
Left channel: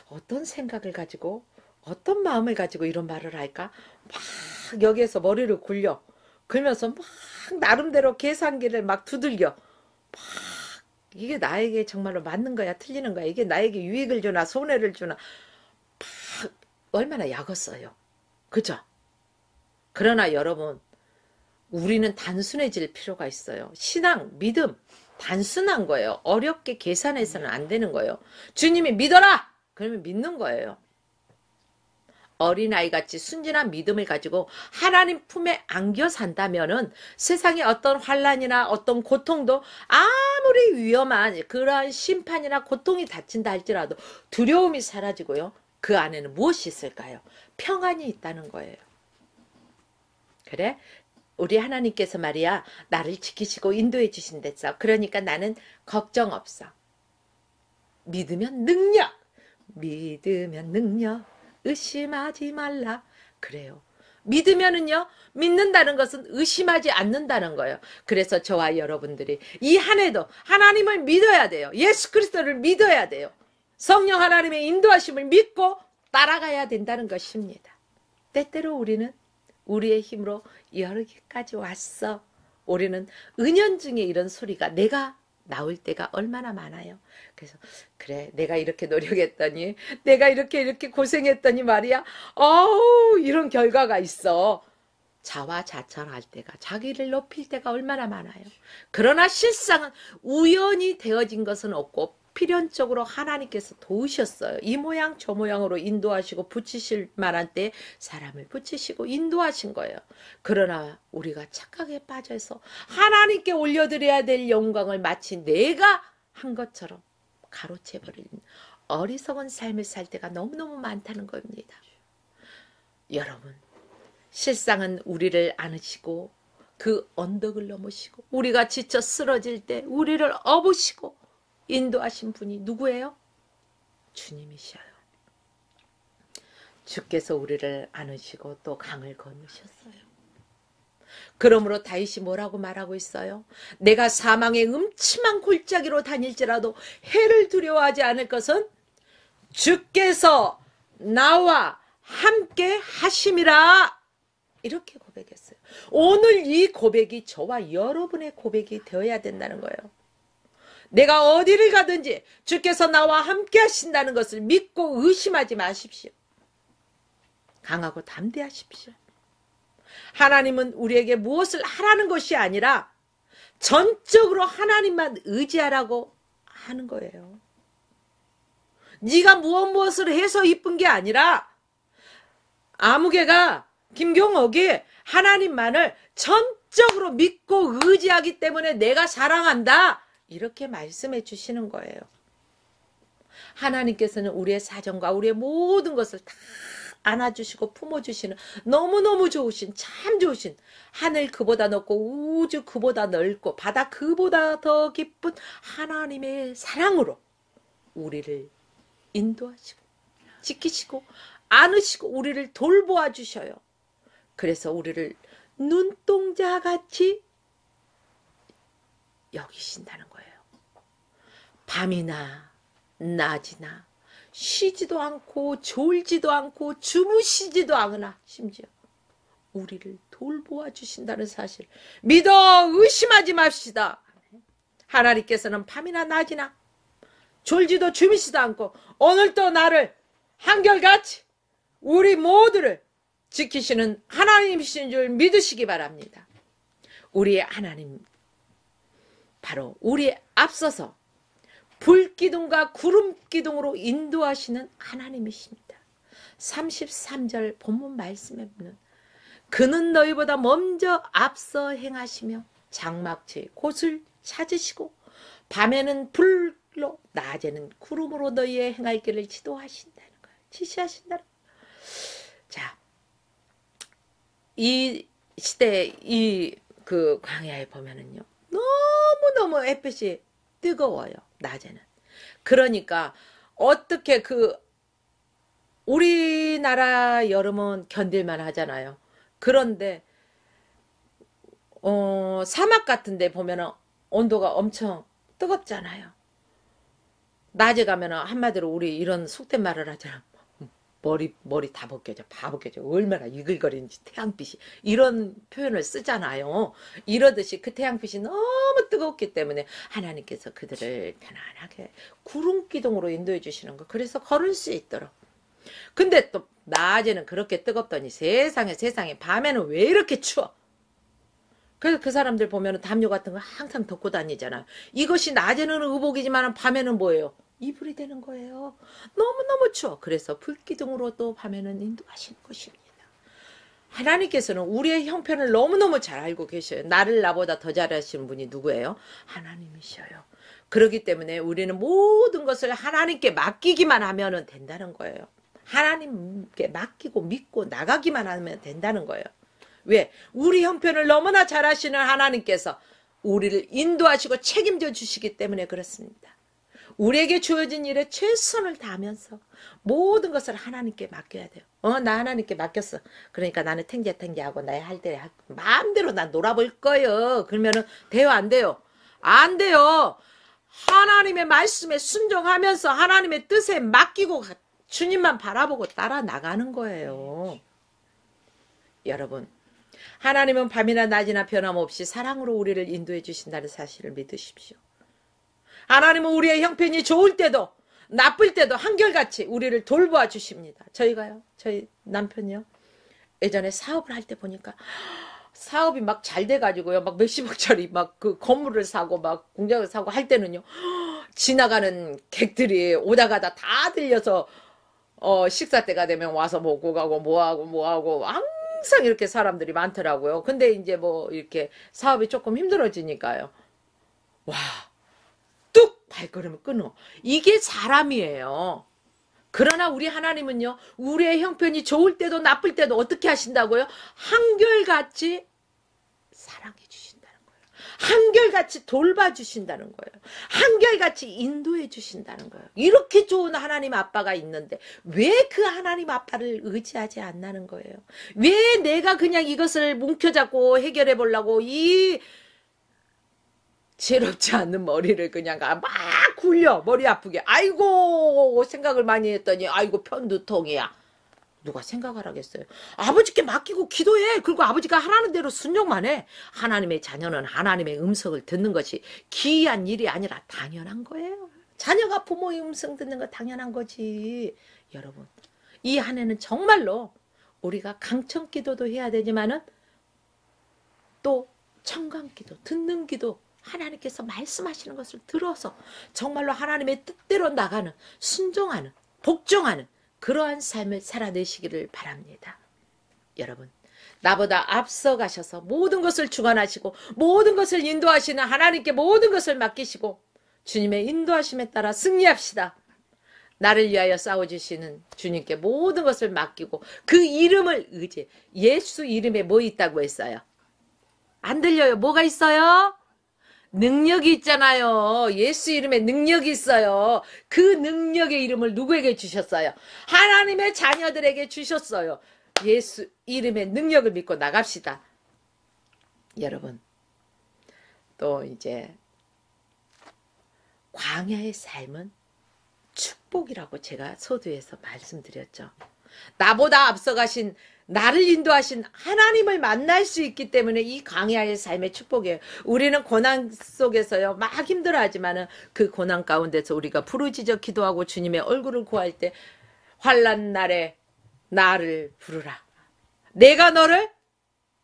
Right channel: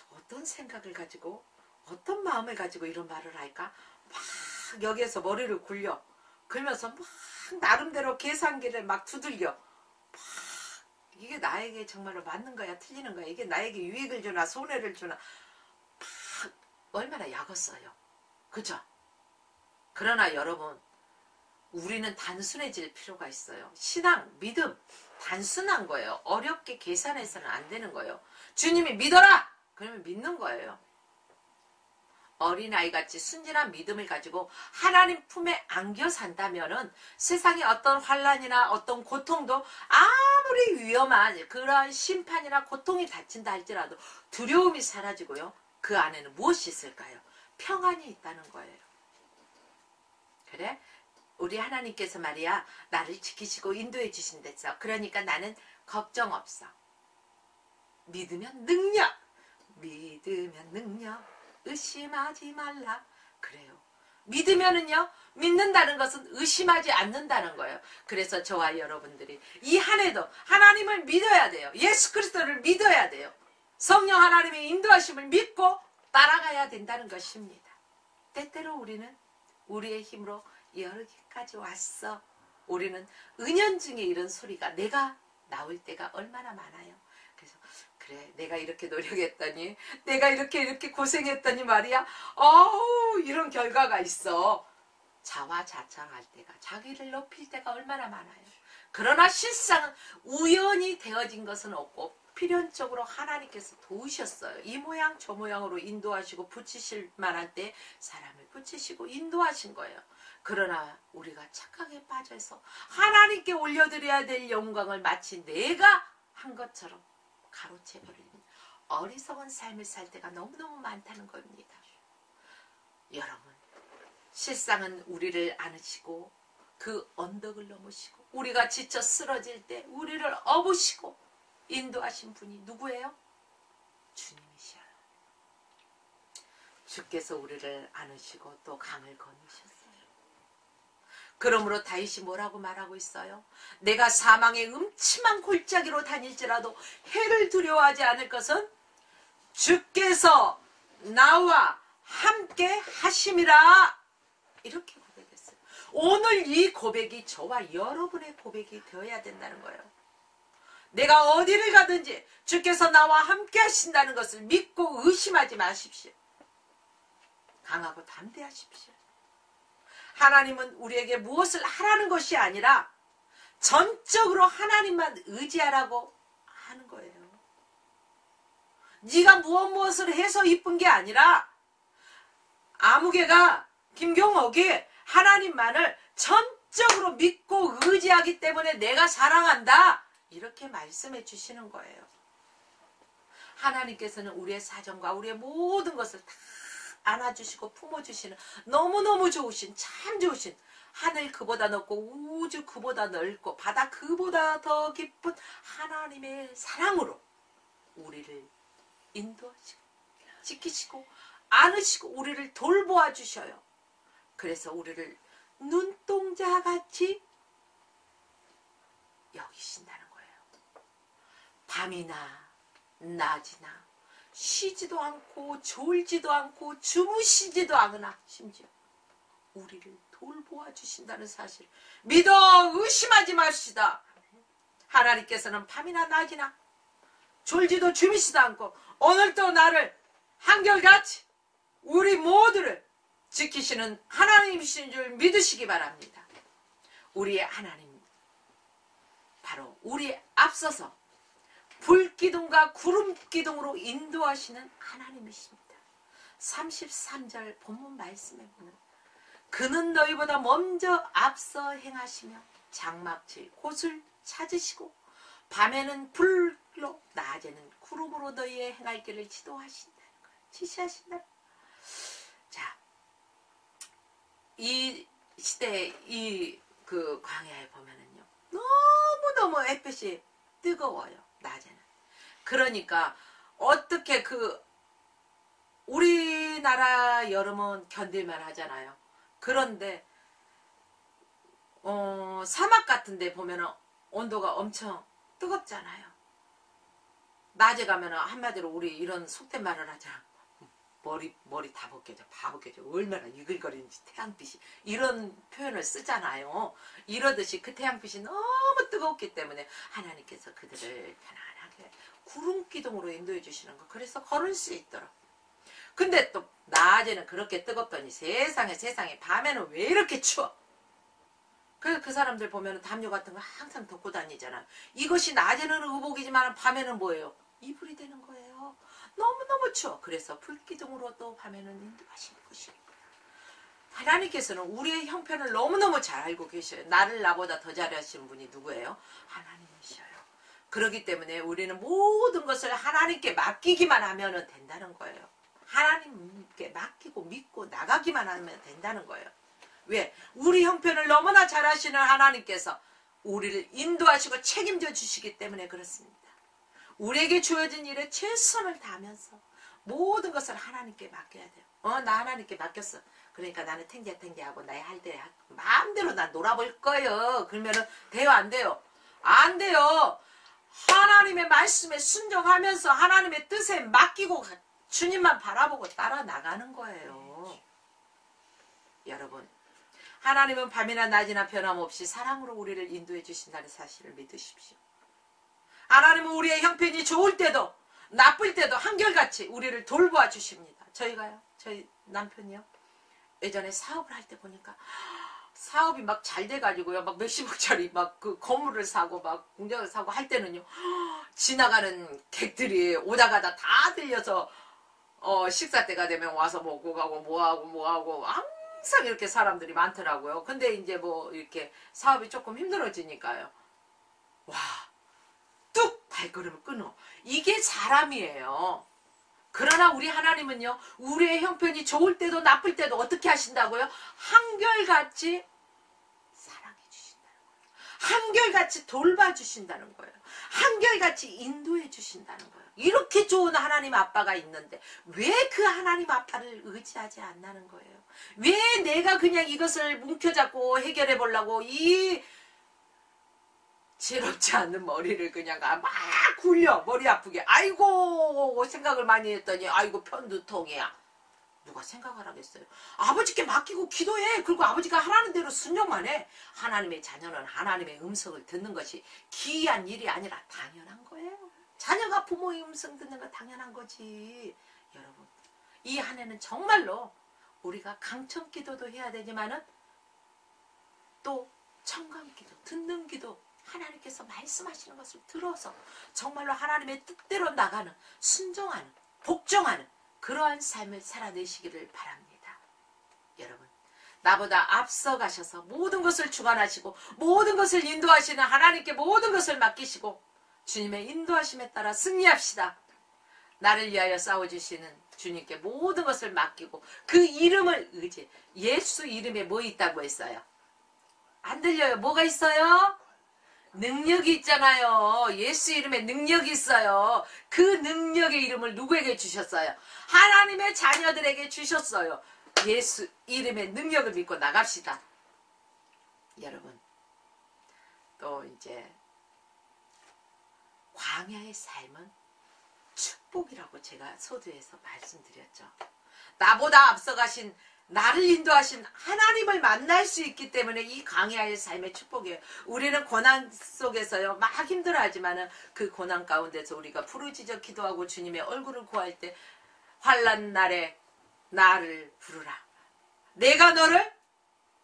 어떤 생각을 가지고 어떤 마음을 가지고 이런 말을 할까? 막 여기에서 머리를 굴면서 막 나름대로 계산기를 막 두들겨 막 이게 나에게 정말로 맞는 거야 틀리는 거야 이게 나에게 유익을 주나 손해를 주나 막 얼마나 약었어요. 그죠? 그러나 여러분 우리는 단순해질 필요가 있어요. 신앙, 믿음 단순한 거예요. 어렵게 계산해서는 안 되는 거예요. 주님이 믿어라! 그러면 믿는 거예요. 어린아이같이 순진한 믿음을 가지고 하나님 품에 안겨 산다면은 세상에 어떤 환난이나 어떤 고통도 아무리 위험한 그러한 심판이나 고통이 닥친다 할지라도 두려움이 사라지고요. 그 안에는 무엇이 있을까요? 평안이 있다는 거예요. 그래? 우리 하나님께서 말이야 나를 지키시고 인도해 주신댔어. 그러니까 나는 걱정 없어. 믿으면 능력 의심하지 말라. 그래요. 믿으면은요 믿는다는 것은 의심하지 않는다는 거예요. 그래서 저와 여러분들이 이 한 해도 하나님을 믿어야 돼요. 예수 그리스도를 믿어야 돼요. 성령 하나님의 인도하심을 믿고 따라가야 된다는 것입니다. 때때로 우리는 우리의 힘으로 여기까지 왔어. 우리는 은연중에 이런 소리가 내가 나올 때가 얼마나 많아요. 그래서 그래 내가 이렇게 노력했더니 내가 이렇게 고생했더니 말이야 이런 결과가 있어. 자화자찬할 때가 자기를 높일 때가 얼마나 많아요. 그러나 실상은 우연히 되어진 것은 없고 필연적으로 하나님께서 도우셨어요. 이 모양 저 모양으로 인도하시고 붙이실 만한 때 사람을 붙이시고 인도하신 거예요. 그러나 우리가 착각에 빠져서 하나님께 올려드려야 될 영광을 마치 내가 한 것처럼 가로채버리는 어리석은 삶을 살 때가 너무너무 많다는 겁니다. 여러분 실상은 우리를 안으시고 그 언덕을 넘으시고 우리가 지쳐 쓰러질 때 우리를 업으시고 인도하신 분이 누구예요? 주님이셔요. 주께서 우리를 안으시고 또 강을 건너셨어요. 그러므로 다윗이 뭐라고 말하고 있어요? 내가 사망의 음침한 골짜기로 다닐지라도 해를 두려워하지 않을 것은 주께서 나와 함께 하심이라. 이렇게 고백했어요. 오늘 이 고백이 저와 여러분의 고백이 되어야 된다는 거예요. 내가 어디를 가든지 주께서 나와 함께 하신다는 것을 믿고 의심하지 마십시오. 강하고 담대하십시오. 하나님은 우리에게 무엇을 하라는 것이 아니라 전적으로 하나님만 의지하라고 하는 거예요. 네가 무엇을 해서 이쁜 게 아니라 아무개가 김경옥이 하나님만을 전적으로 믿고 의지하기 때문에 내가 사랑한다. 이렇게 말씀해 주시는 거예요. 하나님께서는 우리의 사정과 우리의 모든 것을 다 안아주시고 품어주시는 너무너무 좋으신, 참 좋으신, 하늘 그보다 높고 우주 그보다 넓고 바다 그보다 더 깊은 하나님의 사랑으로 우리를 인도하시고 지키시고 안으시고 우리를 돌보아 주셔요. 그래서 우리를 눈동자같이 여기신다는 거예요. 밤이나 낮이나 쉬지도 않고 졸지도 않고 주무시지도 않으나 심지어 우리를 돌보아 주신다는 사실 믿어 의심하지 맙시다. 하나님께서는 밤이나 낮이나 졸지도 주무시지도 않고 오늘도 나를 한결같이 우리 모두를 지키시는 하나님이신 줄 믿으시기 바랍니다. 우리의 하나님 바로 우리 앞서서 불기둥과 구름기둥으로 인도하시는 하나님이십니다. 33절 본문 말씀에 보면 그는 너희보다 먼저 앞서 행하시며 장막지 곳을 찾으시고 밤에는 불로 낮에는 구름으로 너희의 행할 길을 지도하신다는 거예요. 지시하신다는 거예요. 자, 이 시대 이 그 광야에 보면은요 너무너무 햇빛이 뜨거워요. 낮에는. 그러니까 어떻게 그 우리나라 여름은 견딜만 하잖아요. 그런데 사막 같은 데 보면은 온도가 엄청 뜨겁잖아요. 낮에 가면은 한마디로 우리 이런 속된 말을 하잖아. 머리 다 벗겨져. 얼마나 이글거리는지 태양빛이. 이런 표현을 쓰잖아요. 이러듯이 그 태양빛이 너무 뜨겁기 때문에 하나님께서 그들을 편안하게 구름기둥으로 인도해 주시는 거. 그래서 걸을 수 있도록. 근데 또 낮에는 그렇게 뜨겁더니 세상에 밤에는 왜 이렇게 추워? 그래서 그 사람들 보면 담요 같은 거 항상 덮고 다니잖아요. 이것이 낮에는 의복이지만 밤에는 뭐예요? 이불이 되는 거예요. 너무너무 추워. 그래서 불기둥으로 또 밤에는 인도하시는 것입니다. 하나님께서는 우리의 형편을 너무너무 잘 알고 계셔요. 나를 나보다 더 잘하시는 분이 누구예요? 하나님이셔요. 그렇기 때문에 우리는 모든 것을 하나님께 맡기기만 하면 된다는 거예요. 하나님께 맡기고 믿고 나가기만 하면 된다는 거예요. 왜? 우리 형편을 너무나 잘 아시는 하나님께서 우리를 인도하시고 책임져 주시기 때문에 그렇습니다. 우리에게 주어진 일에 최선을 다하면서 모든 것을 하나님께 맡겨야 돼요. 나 하나님께 맡겼어. 그러니까 나는 탱자탱자하고 나의 할 때 마음대로 난 놀아볼 거예요. 그러면은 돼요, 안 돼요? 안 돼요. 하나님의 말씀에 순종하면서 하나님의 뜻에 맡기고 주님만 바라보고 따라 나가는 거예요. 여러분, 하나님은 밤이나 낮이나 변함없이 사랑으로 우리를 인도해 주신다는 사실을 믿으십시오. 하나님은 우리의 형편이 좋을 때도 나쁠 때도 한결같이 우리를 돌보아 주십니다. 저희가요, 저희 남편이요, 예전에 사업을 할 때 보니까 사업이 막 잘 돼가지고요, 막 몇십억짜리 막 그 건물을 사고 막 공장을 사고 할 때는요, 지나가는 객들이 오다가다 다 들려서 식사 때가 되면 와서 먹고 가고 뭐하고 항상 이렇게 사람들이 많더라고요. 근데 이제 뭐 이렇게 사업이 조금 힘들어지니까요, 와, 뚝 발걸음을 끊어. 이게 사람이에요. 그러나 우리 하나님은요, 우리의 형편이 좋을 때도 나쁠 때도 어떻게 하신다고요? 한결같이 사랑해 주신다는 거예요. 한결같이 돌봐주신다는 거예요. 한결같이 인도해 주신다는 거예요. 이렇게 좋은 하나님 아빠가 있는데 왜 그 하나님 아빠를 의지하지 않나는 거예요? 왜 내가 그냥 이것을 뭉켜잡고 해결해 보려고 이 지혜롭지 않는 머리를 그냥 막 굴려. 머리 아프게. 아이고 생각을 많이 했더니 아이고 편두통이야. 누가 생각을 하겠어요. 아버지께 맡기고 기도해. 그리고 아버지가 하라는 대로 순종만 해. 하나님의 자녀는 하나님의 음성을 듣는 것이 기이한 일이 아니라 당연한 거예요. 자녀가 부모의 음성 듣는 거 당연한 거지. 여러분, 이 한 해는 정말로 우리가 강청 기도도 해야 되지만은 또 청강 기도, 듣는 기도, 하나님께서 말씀하시는 것을 들어서 정말로 하나님의 뜻대로 나가는, 순종하는, 복종하는 그러한 삶을 살아내시기를 바랍니다. 여러분, 나보다 앞서 가셔서 모든 것을 주관하시고 모든 것을 인도하시는 하나님께 모든 것을 맡기시고 주님의 인도하심에 따라 승리합시다. 나를 위하여 싸워주시는 주님께 모든 것을 맡기고 그 이름을 의지해. 예수 이름에 뭐 있다고 했어요? 안 들려요? 뭐가 있어요? 능력이 있잖아요. 예수 이름에 능력이 있어요. 그 능력의 이름을 누구에게 주셨어요? 하나님의 자녀들에게 주셨어요. 예수 이름의 능력을 믿고 나갑시다. 여러분, 또 이제 광야의 삶은 축복이라고 제가 서두에서 말씀드렸죠. 나보다 앞서가신, 나를 인도하신 하나님을 만날 수 있기 때문에 이 광야의 삶의 축복이에요. 우리는 고난 속에서요 막 힘들어하지만은 그 고난 가운데서 우리가 부르짖어 기도하고 주님의 얼굴을 구할 때 환난 날에 나를 부르라. 내가 너를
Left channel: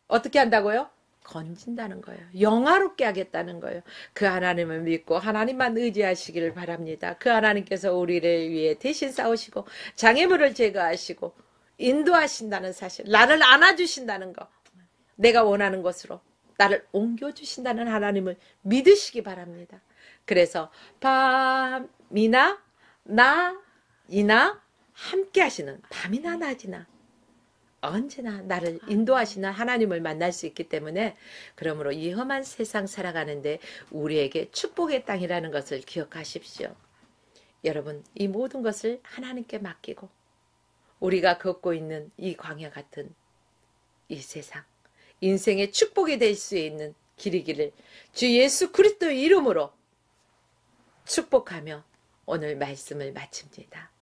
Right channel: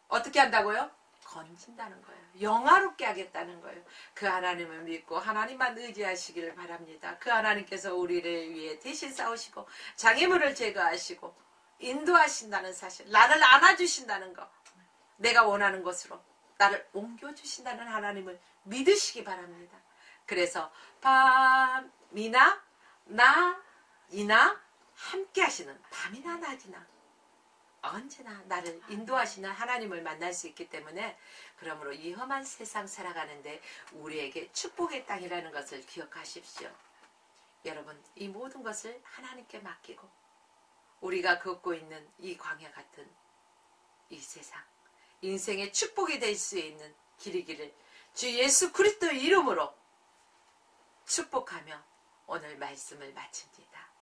어떻게 한다고요? 건진다는 거예요. 영화롭게 하겠다는 거예요. 그 하나님을 믿고 하나님만 의지하시기를 바랍니다. 그 하나님께서 우리를 위해 대신 싸우시고 장애물을 제거하시고 인도하신다는 사실, 나를 안아주신다는 거, 내가 원하는 것으로 나를 옮겨주신다는 하나님을 믿으시기 바랍니다. 그래서 밤이나 낮이나 함께 하시는, 밤이나 낮이나 언제나 나를 인도하시는 하나님을 만날 수 있기 때문에, 그러므로 이 험한 세상 살아가는데 우리에게 축복의 땅이라는 것을 기억하십시오. 여러분, 이 모든 것을 하나님께 맡기고 우리가 걷고 있는 이 광야 같은 이 세상, 인생의 축복이 될 수 있는 길이기를 주 예수 그리스도의 이름으로 축복하며 오늘 말씀을 마칩니다.